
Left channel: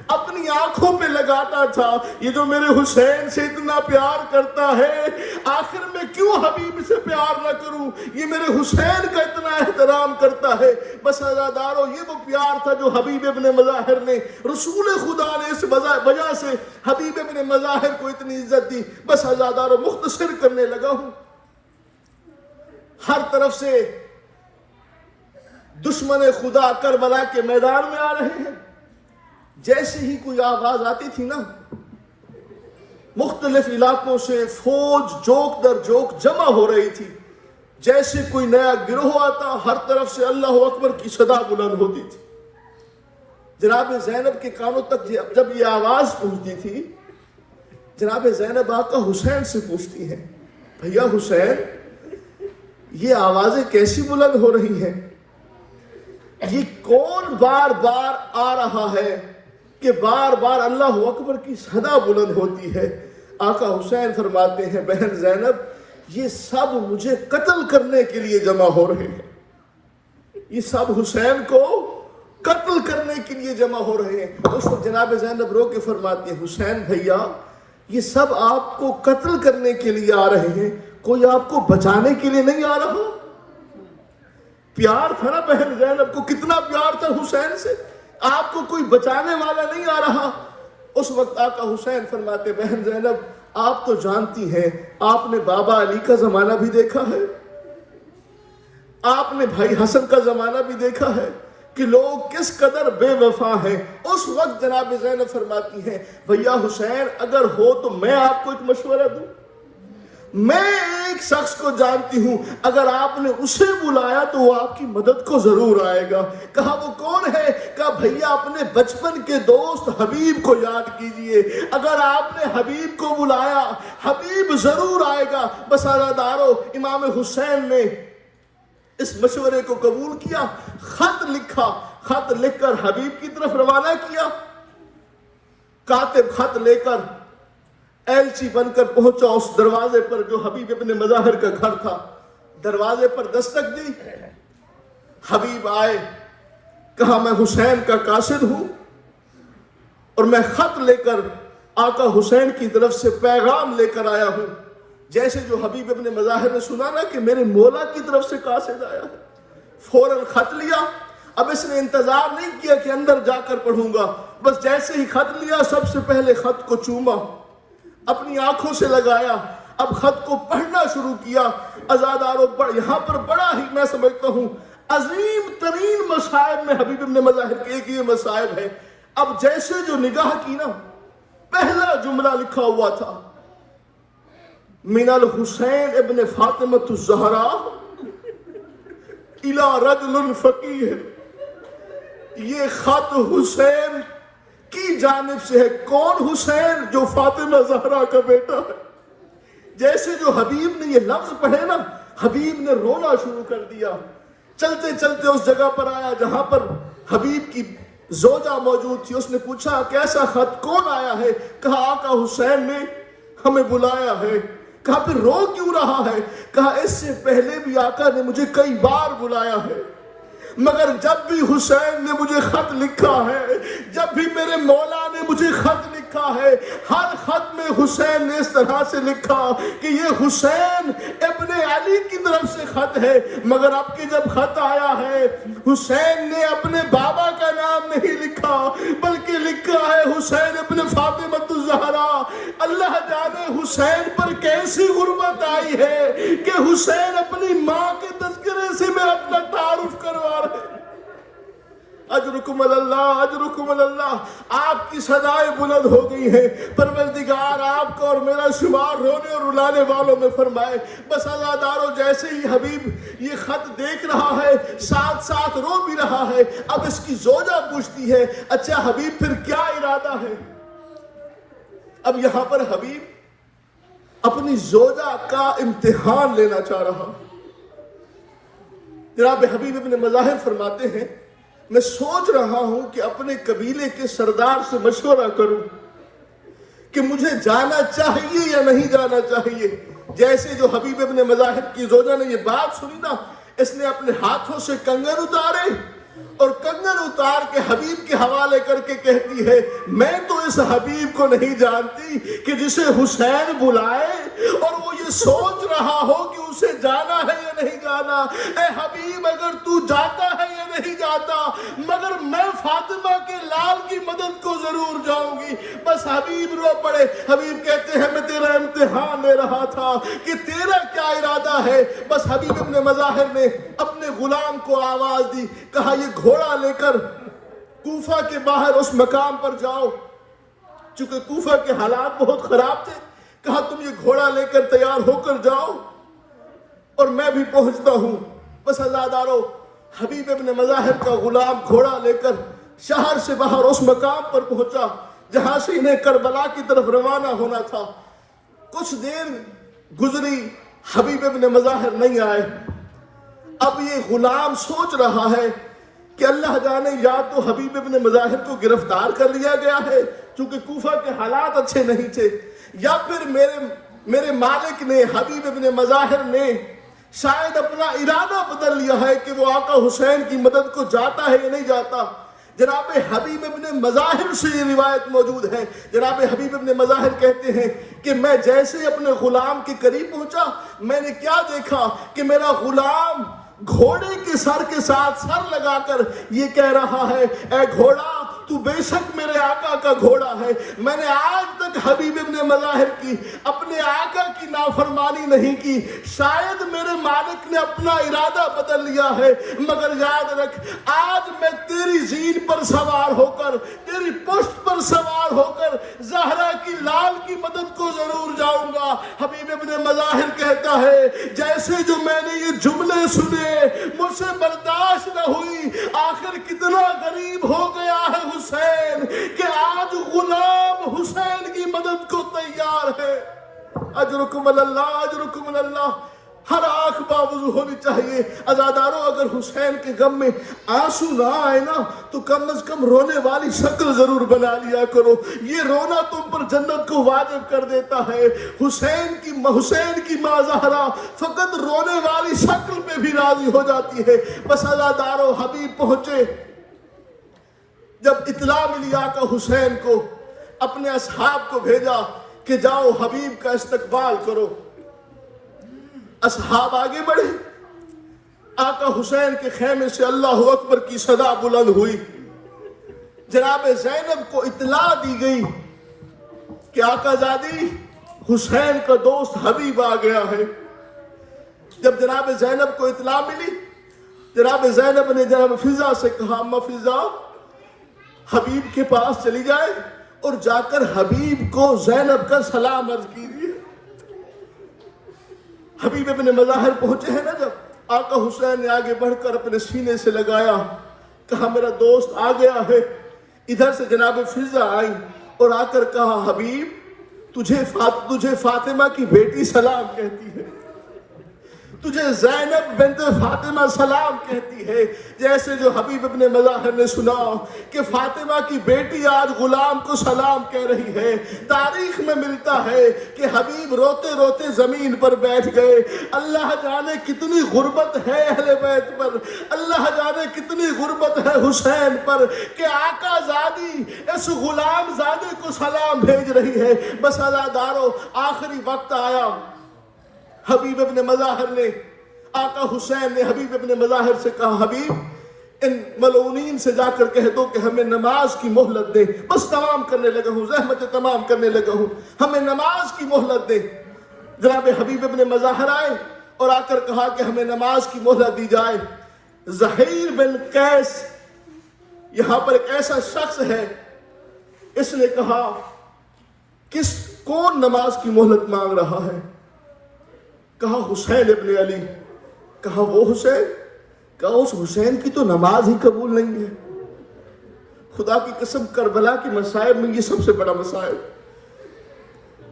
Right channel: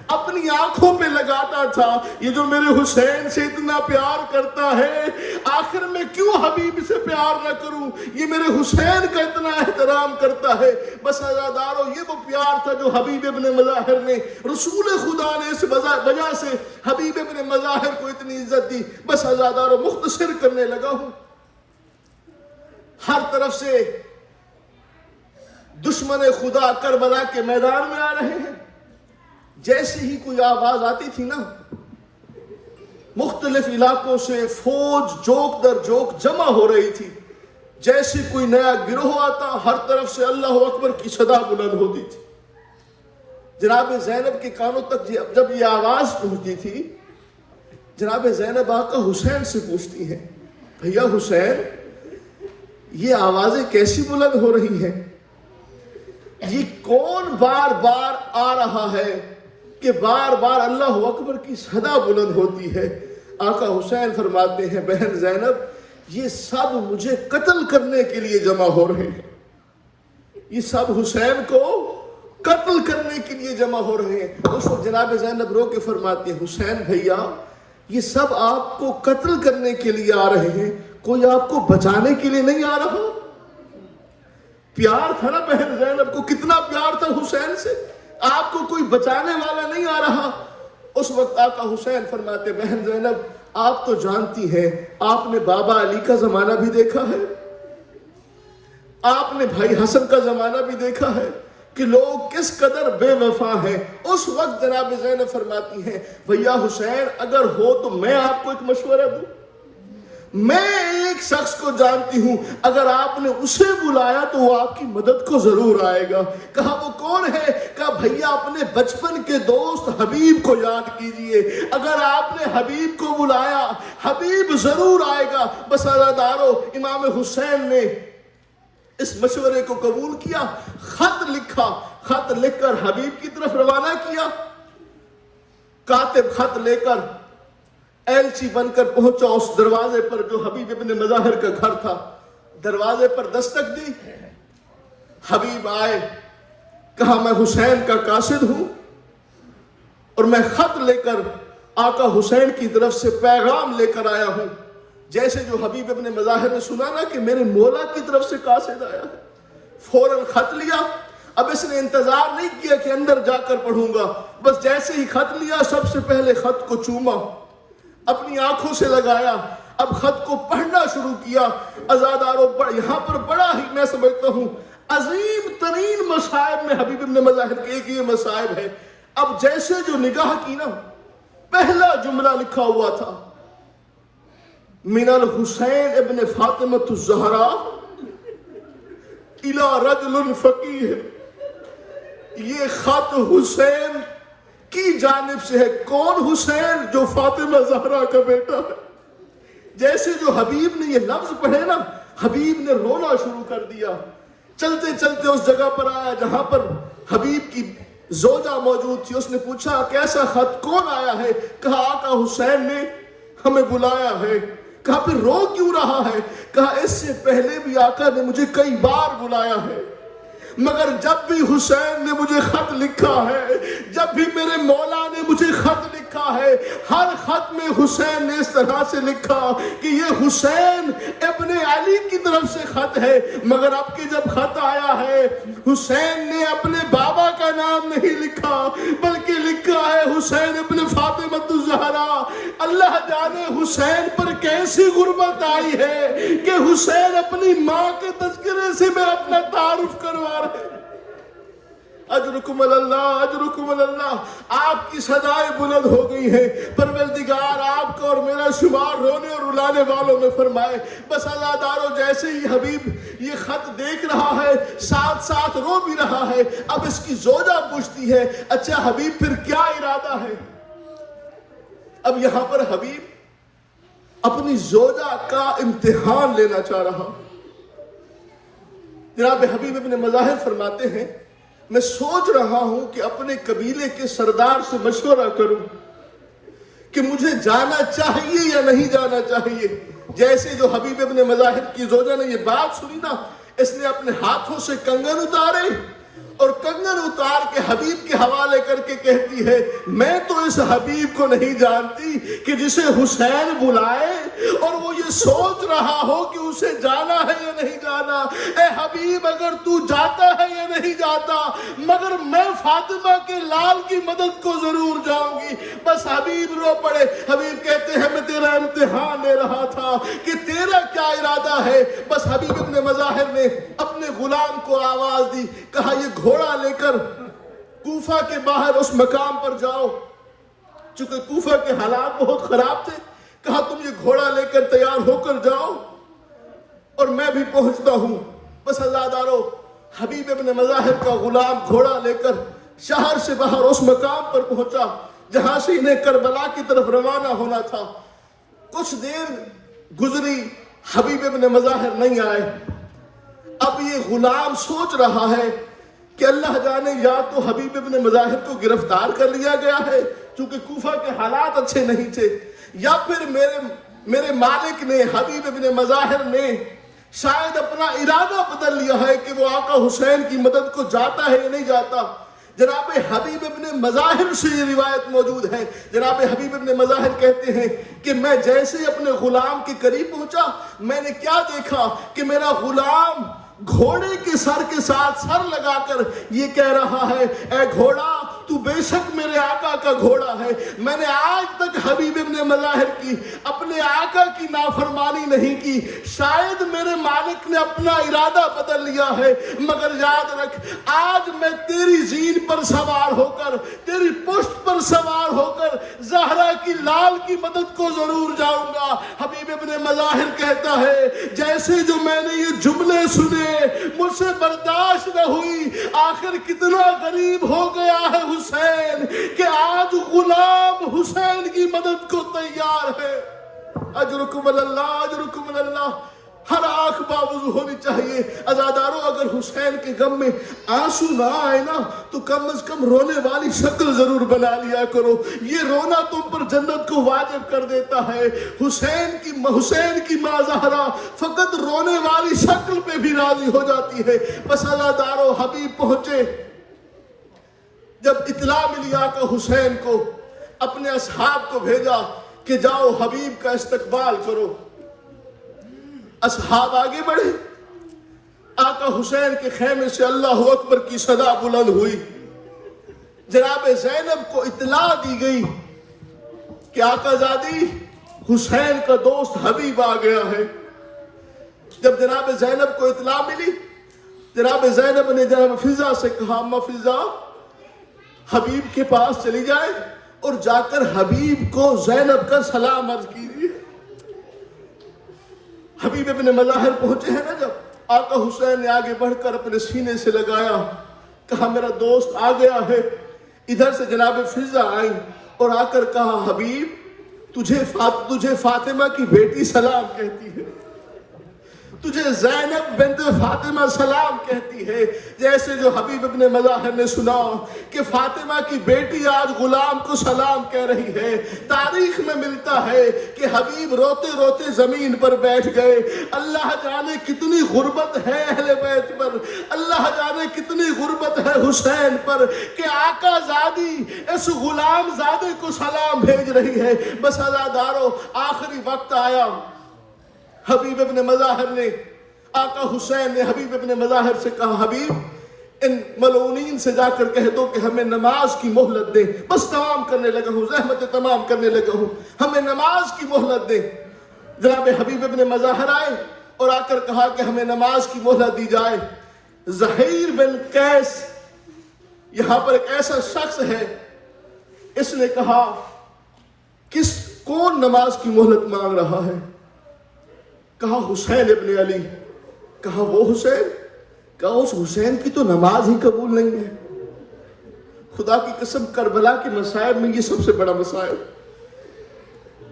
اپنی آنکھوں پہ لگاتا تھا. یہ جو میرے حسین سے اتنا پیار کرتا ہے، آخر میں کیوں حبیب سے پیار نہ کروں؟ یہ میرے حسین کا اتنا احترام کرتا ہے. بس عزادارو، یہ وہ پیار تھا جو حبیب ابن مظاہر نے، رسول خدا نے اس وجہ سے حبیب ابن مظاہر کو اتنی عزت دی. بس عزادارو، مختصر کرنے لگا ہوں. ہر طرف سے دشمن خدا کربلا کے میدان میں آ رہے ہیں. جیسے ہی کوئی آواز آتی تھی نا، مختلف علاقوں سے فوج جوک در جوک جمع ہو رہی تھی. جیسے کوئی نیا گروہ آتا، ہر طرف سے اللہ اکبر کی صدا بلند ہوتی تھی. جناب زینب کے کانوں تک جب یہ آواز پہنچتی تھی، جناب زینب آقا حسین سے پوچھتی ہیں، بھیا حسین، یہ آوازیں کیسی بلند ہو رہی ہیں؟ یہ کون بار بار آ رہا ہے کہ بار بار اللہ اکبر کی صدا بلند ہوتی ہے؟ آقا حسین فرماتے ہیں، بہن زینب، یہ سب مجھے قتل کرنے کے لیے جمع ہو رہے ہیں. یہ سب حسین کو قتل کرنے کے لیے جمع ہو رہے ہیں. اس وقت جناب زینب رو کے فرماتی ہیں، حسین بھیا، یہ سب آپ کو قتل کرنے کے لیے آ رہے ہیں، کوئی آپ کو بچانے کے لیے نہیں آ رہا. پیار تھا نا بہن زینب کو، کتنا پیار تھا حسین سے. آپ کو کوئی بچانے والا نہیں آ رہا. اس وقت آقا حسین فرماتے، بہن زینب، آپ تو جانتی ہیں، آپ نے بابا علی کا زمانہ بھی دیکھا ہے، آپ نے بھائی حسن کا زمانہ بھی دیکھا ہے کہ لوگ کس قدر بے وفا ہیں. اس وقت جناب زینب فرماتی ہیں، بھیا حسین، اگر ہو تو میں آپ کو ایک مشورہ دوں. میں ایک شخص کو جانتی ہوں، اگر آپ نے اسے بلایا تو وہ آپ کی مدد کو ضرور آئے گا. کہا وہ کون ہے؟ کہا بھیا اپنے بچپن کے دوست حبیب کو یاد کیجئے، اگر آپ نے حبیب کو بلایا حبیب ضرور آئے گا. بس عزادارو، امام حسین نے اس مشورے کو قبول کیا، خط لکھا، خط لکھ کر حبیب کی طرف روانہ کیا. کاتب خط لے کر ایلچی بن کر پہنچا اس دروازے پر جو حبیب ابن مظاہر کا گھر تھا. دروازے پر دستک دی، حبیب آئے، کہا میں حسین کا قاصد ہوں اور میں خط لے کر آقا حسین کی طرف سے پیغام لے کر آیا ہوں. جیسے جو حبیب ابن مظاہر نے سنا نا کہ میرے مولا کی طرف سے قاصد آیا ہے، فوراً خط لیا. اب اس نے انتظار نہیں کیا کہ اندر جا کر پڑھوں گا، بس جیسے ہی خط لیا سب سے پہلے خط کو چوما، اپنی آنکھوں سے لگایا. اب خط کو پڑھنا شروع کیا. عزاداروں یہاں پر بڑا ہی میں سمجھتا ہوں عظیم ترین مصائب میں حبیب ابن مظاہر کے ایک یہ مصائب ہے. اب جیسے جو نگاہ کی نا, پہلا جملہ لکھا ہوا تھا من الحسین ابن فاطمۃ الزہراء الی رجل فقیہ. یہ خط حسین کی جانب سے ہے. کون حسین؟ جو فاطمہ زہرا کا بیٹا ہے. جیسے جو حبیب نے یہ لفظ پڑھے نا, حبیب نے رونا شروع کر دیا. چلتے چلتے اس جگہ پر آیا جہاں پر حبیب کی زوجہ موجود تھی. اس نے پوچھا کیسا خط, کون آیا ہے؟ کہا آقا حسین نے ہمیں بلایا ہے. کہا پھر رو کیوں رہا ہے؟ کہا اس سے پہلے بھی آقا نے مجھے کئی بار بلایا ہے, مگر جب بھی حسین نے مجھے خط لکھا ہے, جب بھی میرے مولا نے مجھے خط لکھا ہے, ہر خط میں حسین نے اس طرح سے لکھا کہ یہ حسین ابن علی کی طرف سے خط ہے. مگر اب کہ جب خط آیا ہے, حسین نے اپنے بابا کا نام نہیں لکھا بلکہ لکھا ہے حسین ابن فاطمۃ الزہراء. اللہ جانے حسین پر کیسی غربت آئی ہے کہ حسین اپنی ماں کے تذکرے سے میں اپنا تعارف کروا. اجرکم اللہ, اجرکم اللہ. آپ کی صدائیں بلند ہو گئی ہیں. پروردگار آپ کو اور میرا شمار رونے اور رلانے والوں میں فرمائے. بس اللہ دارو جیسے ہی حبیب یہ خط دیکھ رہا ہے ساتھ ساتھ رو بھی رہا ہے. اب اس کی زوجہ پوچھتی ہے اچھا حبیب پھر کیا ارادہ ہے؟ اب یہاں پر حبیب اپنی زوجہ کا امتحان لینا چاہ رہا. جناب حبیب ابن مظاہر فرماتے ہیں میں سوچ رہا ہوں کہ اپنے قبیلے کے سردار سے مشورہ کروں کہ مجھے جانا چاہیے یا نہیں جانا چاہیے. جیسے جو حبیب ابن مظاہر کی زوجہ نے یہ بات سنی نا, اس نے اپنے ہاتھوں سے کنگن اتارے اور کنگن اتار کے حبیب کے حوالے کر کے کہتی ہے میں تو اس حبیب کو نہیں جانتی کہ جسے حسین بلائے اور وہ یہ سوچ رہا ہو کہ اسے جانا ہے یا نہیں جانا. اے حبیب اگر تو جاتا ہے یا نہیں جاتا, مگر میں فاطمہ کے لال کی مدد کو ضرور جاؤں گی. بس حبیب رو پڑے. حبیب کہتے ہیں میں تیرا امتحان لے رہا تھا کہ تیرا کیا ارادہ ہے. بس حبیب ابن مظاہر نے اپنے غلام کو آواز دی, کہا یہ گھوڑا لے کر کوفہ کے باہر اس مقام پر جاؤ. چونکہ کوفہ کے حالات بہت خراب تھے, کہا تم یہ گھوڑا لے کر تیار ہو کر جاؤ اور میں بھی پہنچتا ہوں. بس عزادارو حبیب ابن مظاہر کا غلام گھوڑا لے کر شہر سے باہر اس مقام پر پہنچا جہاں سے انہیں کربلا کی طرف روانہ ہونا تھا. کچھ دیر گزری, حبیب ابن مظاہر نہیں آئے. اب یہ غلام سوچ رہا ہے کہ اللہ جانے یا تو حبیب ابن مظاہر کو گرفتار کر لیا گیا ہے چونکہ کوفہ کے حالات اچھے نہیں تھے, یا پھر میرے مالک نے حبیب ابن مظاہر نے شاید اپنا ارادہ بدل لیا ہے کہ وہ آقا حسین کی مدد کو جاتا ہے یا نہیں جاتا. جناب حبیب ابن مظاہر سے یہ روایت موجود ہے. جناب حبیب ابن مظاہر کہتے ہیں کہ میں جیسے اپنے غلام کے قریب پہنچا, میں نے کیا دیکھا کہ میرا غلام گھوڑے کے سر کے ساتھ سر لگا کر یہ کہہ رہا ہے اے گھوڑا تو بے شک میرے آقا کا گھوڑا ہے. میں نے آج تک حبیب ابن مظاہر کی اپنے آقا کی نافرمانی نہیں کی. شاید میرے مالک نے اپنا ارادہ بدل لیا ہے, مگر یاد رکھ آج میں تیری زین پر سوار ہو کر, تیری پشت پر سوار ہو کر زہرا کی لال کی مدد کو ضرور جاؤں گا. حبیب ابن مظاہر کہتا ہے جیسے جو میں نے یہ جملے سنے مجھ سے برداشت نہ ہوئی. آخر کتنا غریب ہو گیا ہے حسین کہ آج غلام حسین کی مدد کو تیار ہے. اجرکم اللہ, اجرکم اللہ. ہر آنکھ باوضو ہونی چاہیے. عزاداروں اگر حسین کے غم میں آنسو نہ آئے نا تو کم از کم رونے والی شکل ضرور بنا لیا کرو. یہ رونا تم پر جنت کو واجب کر دیتا ہے. حسین کی ماں زہرا فقط رونے والی شکل پہ بھی راضی ہو جاتی ہے. بس عزاداروں حبیب پہنچے. جب اطلاع ملی آقا حسین کو, اپنے اصحاب کو بھیجا کہ جاؤ حبیب کا استقبال کرو. اصحاب آگے بڑھے. آقا حسین کے خیمے سے اللہ اکبر کی صدا بلند ہوئی. جناب زینب کو اطلاع دی گئی کہ آقا زادی حسین کا دوست حبیب آ گیا ہے. جب جناب زینب کو اطلاع ملی، جناب زینب نے جناب فضا سے کہا اما فضا حبیب کے پاس چلی جائے اور جا کر حبیب کو زینب کا سلام عرض کیجیے. حبیب ابن مظاہر پہنچے ہیں نا، جب آقا حسین نے آگے بڑھ کر اپنے سینے سے لگایا، کہا میرا دوست آ گیا ہے. ادھر سے جناب فضا آئی اور آ کر کہا حبیب تجھے فاطمہ کی بیٹی سلام کہتی ہے، تجھے زینب بنت فاطمہ سلام کہتی ہے. جیسے جو حبیب ابن مظاہر نے سنا کہ فاطمہ کی بیٹی آج غلام کو سلام کہہ رہی ہے، تاریخ میں ملتا ہے کہ حبیب روتے روتے زمین پر بیٹھ گئے. اللہ جانے کتنی غربت ہے اہل بیت پر، اللہ جانے کتنی غربت ہے حسین پر کہ آقا زادی اس غلام زادے کو سلام بھیج رہی ہے. بس عزادارو آخری وقت آیا. حبیب ابن مظاہر نے، آقا حسین نے حبیب ابن مظاہر سے کہا حبیب ان ملعونین سے جا کر کہہ دو کہ ہمیں نماز کی مہلت دیں. بس تمام کرنے لگا ہوں، زحمت تمام کرنے لگا ہوں، ہمیں نماز کی مہلت دیں. جناب حبیب ابن مظاہر آئے اور آ کر کہا کہ ہمیں نماز کی مہلت دی جائے. زہیر بن قیس یہاں پر ایک ایسا شخص ہے، اس نے کہا کون نماز کی مہلت مانگ رہا ہے؟ کہا حسین ابن علی. کہا وہ حسین؟ کہا اس حسین کی تو نماز ہی قبول نہیں ہے. خدا کی قسم کربلا کی مصائب میں یہ سب سے بڑا مصائب.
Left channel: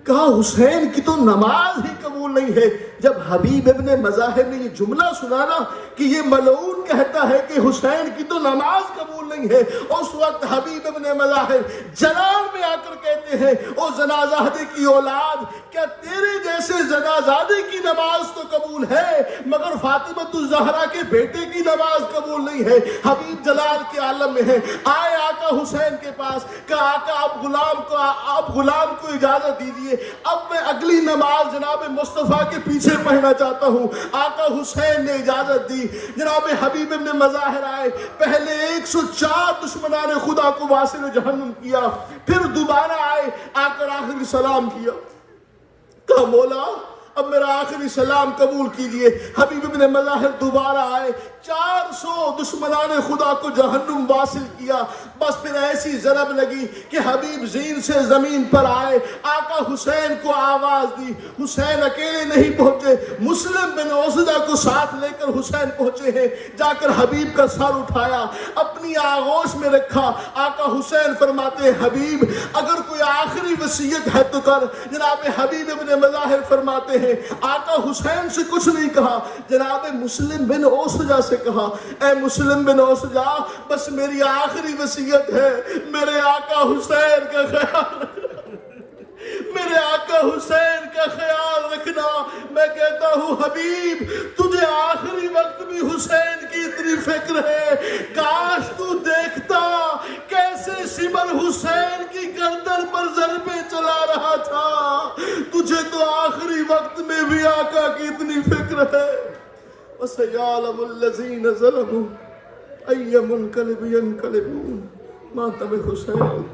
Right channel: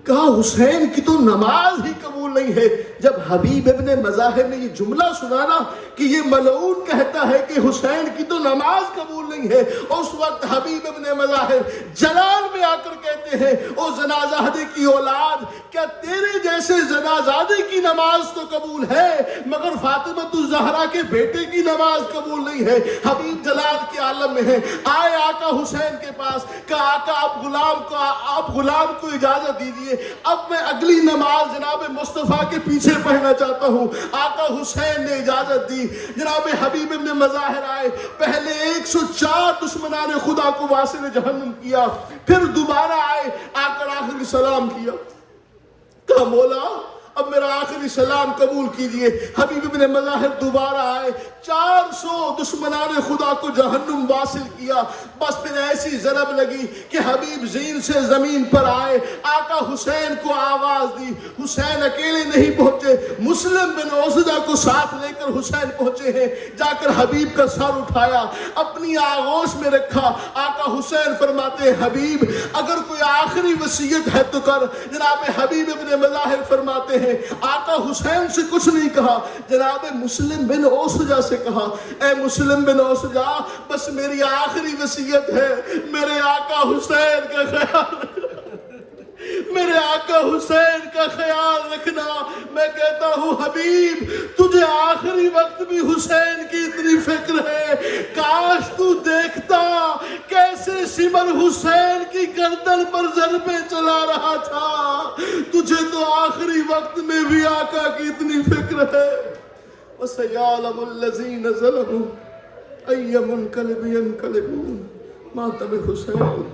کہا حسین کی تو نماز ہی قبول نہیں ہے. جب حبیب ابن مظاہر نے یہ جملہ سنا نا کہ یہ ملعون کہتا ہے کہ حسین کی تو نماز قبول نہیں ہے، اس وقت حبیب ابن مظاہر جلال میں آ کر کہتے ہیں او زنازادے کی اولاد، کیا تیرے جیسے زنازادے کی نماز تو قبول ہے مگر فاطمۃ الزہرا کے بیٹے کی نماز قبول نہیں ہے. حبیب جلال کے عالم میں ہے. آئے آقا حسین کے پاس، کہا آقا آپ غلام کو اجازت دیجیے، اب میں اگلی نماز جناب مصطفیٰ کے پیچھے پڑھنا چاہتا ہوں. آقا حسین نے اجازت دی. جناب حبیب ابن مظاہر آئے، پہلے 104 دشمنان خدا کو واصل جہنم کیا، پھر دوبارہ آئے، آ کر آخری سلام کیا. کہا مولا اب میرا آخری سلام قبول کیجئے. حبیب ابن مظاہر دوبارہ آئے، 400 دشمنان خدا کو جہنم واصل کیا. بس پھر ایسی ضرب لگی کہ حبیب زین سے زمین پر آئے، آقا حسین کو آواز دی. حسین اکیلے نہیں پہنچے، مسلم بن عوسدہ کو ساتھ لے کر حسین پہنچے ہیں. جا کر حبیب کا سر اٹھایا، اپنی آغوش میں رکھا. آقا حسین فرماتے ہیں حبیب اگر کوئی آخری وصیت ہے تو کر. جناب حبیب ابن مظاہر فرماتے ہیں آقا حسین سے کچھ نہیں کہا، جناب مسلم بن عوسجہ سے کہا اے مسلم بن عوسجہ بس میری آخری وصیت ہے، میرے آقا حسین کا خیال رکھنا، میرے آقا حسین کا خیال رکھنا. میں کہتا ہوں حبیب تجھے آخری وقت بھی حسین کی اتنی فکر ہے، کاش تو دیکھتا کیسے سمر حسین کی گردن پر ضربے چلا رہا تھا. تجھے تو آخری وقت میں بھی آقا کی اتنی فکر ہے. وَسَيَعْلَمُ الَّذِينَ ظَلَمُوا أَيَّ مُنْقَلِبٍ يَنْقَلِبُونَ. ماتم حسین.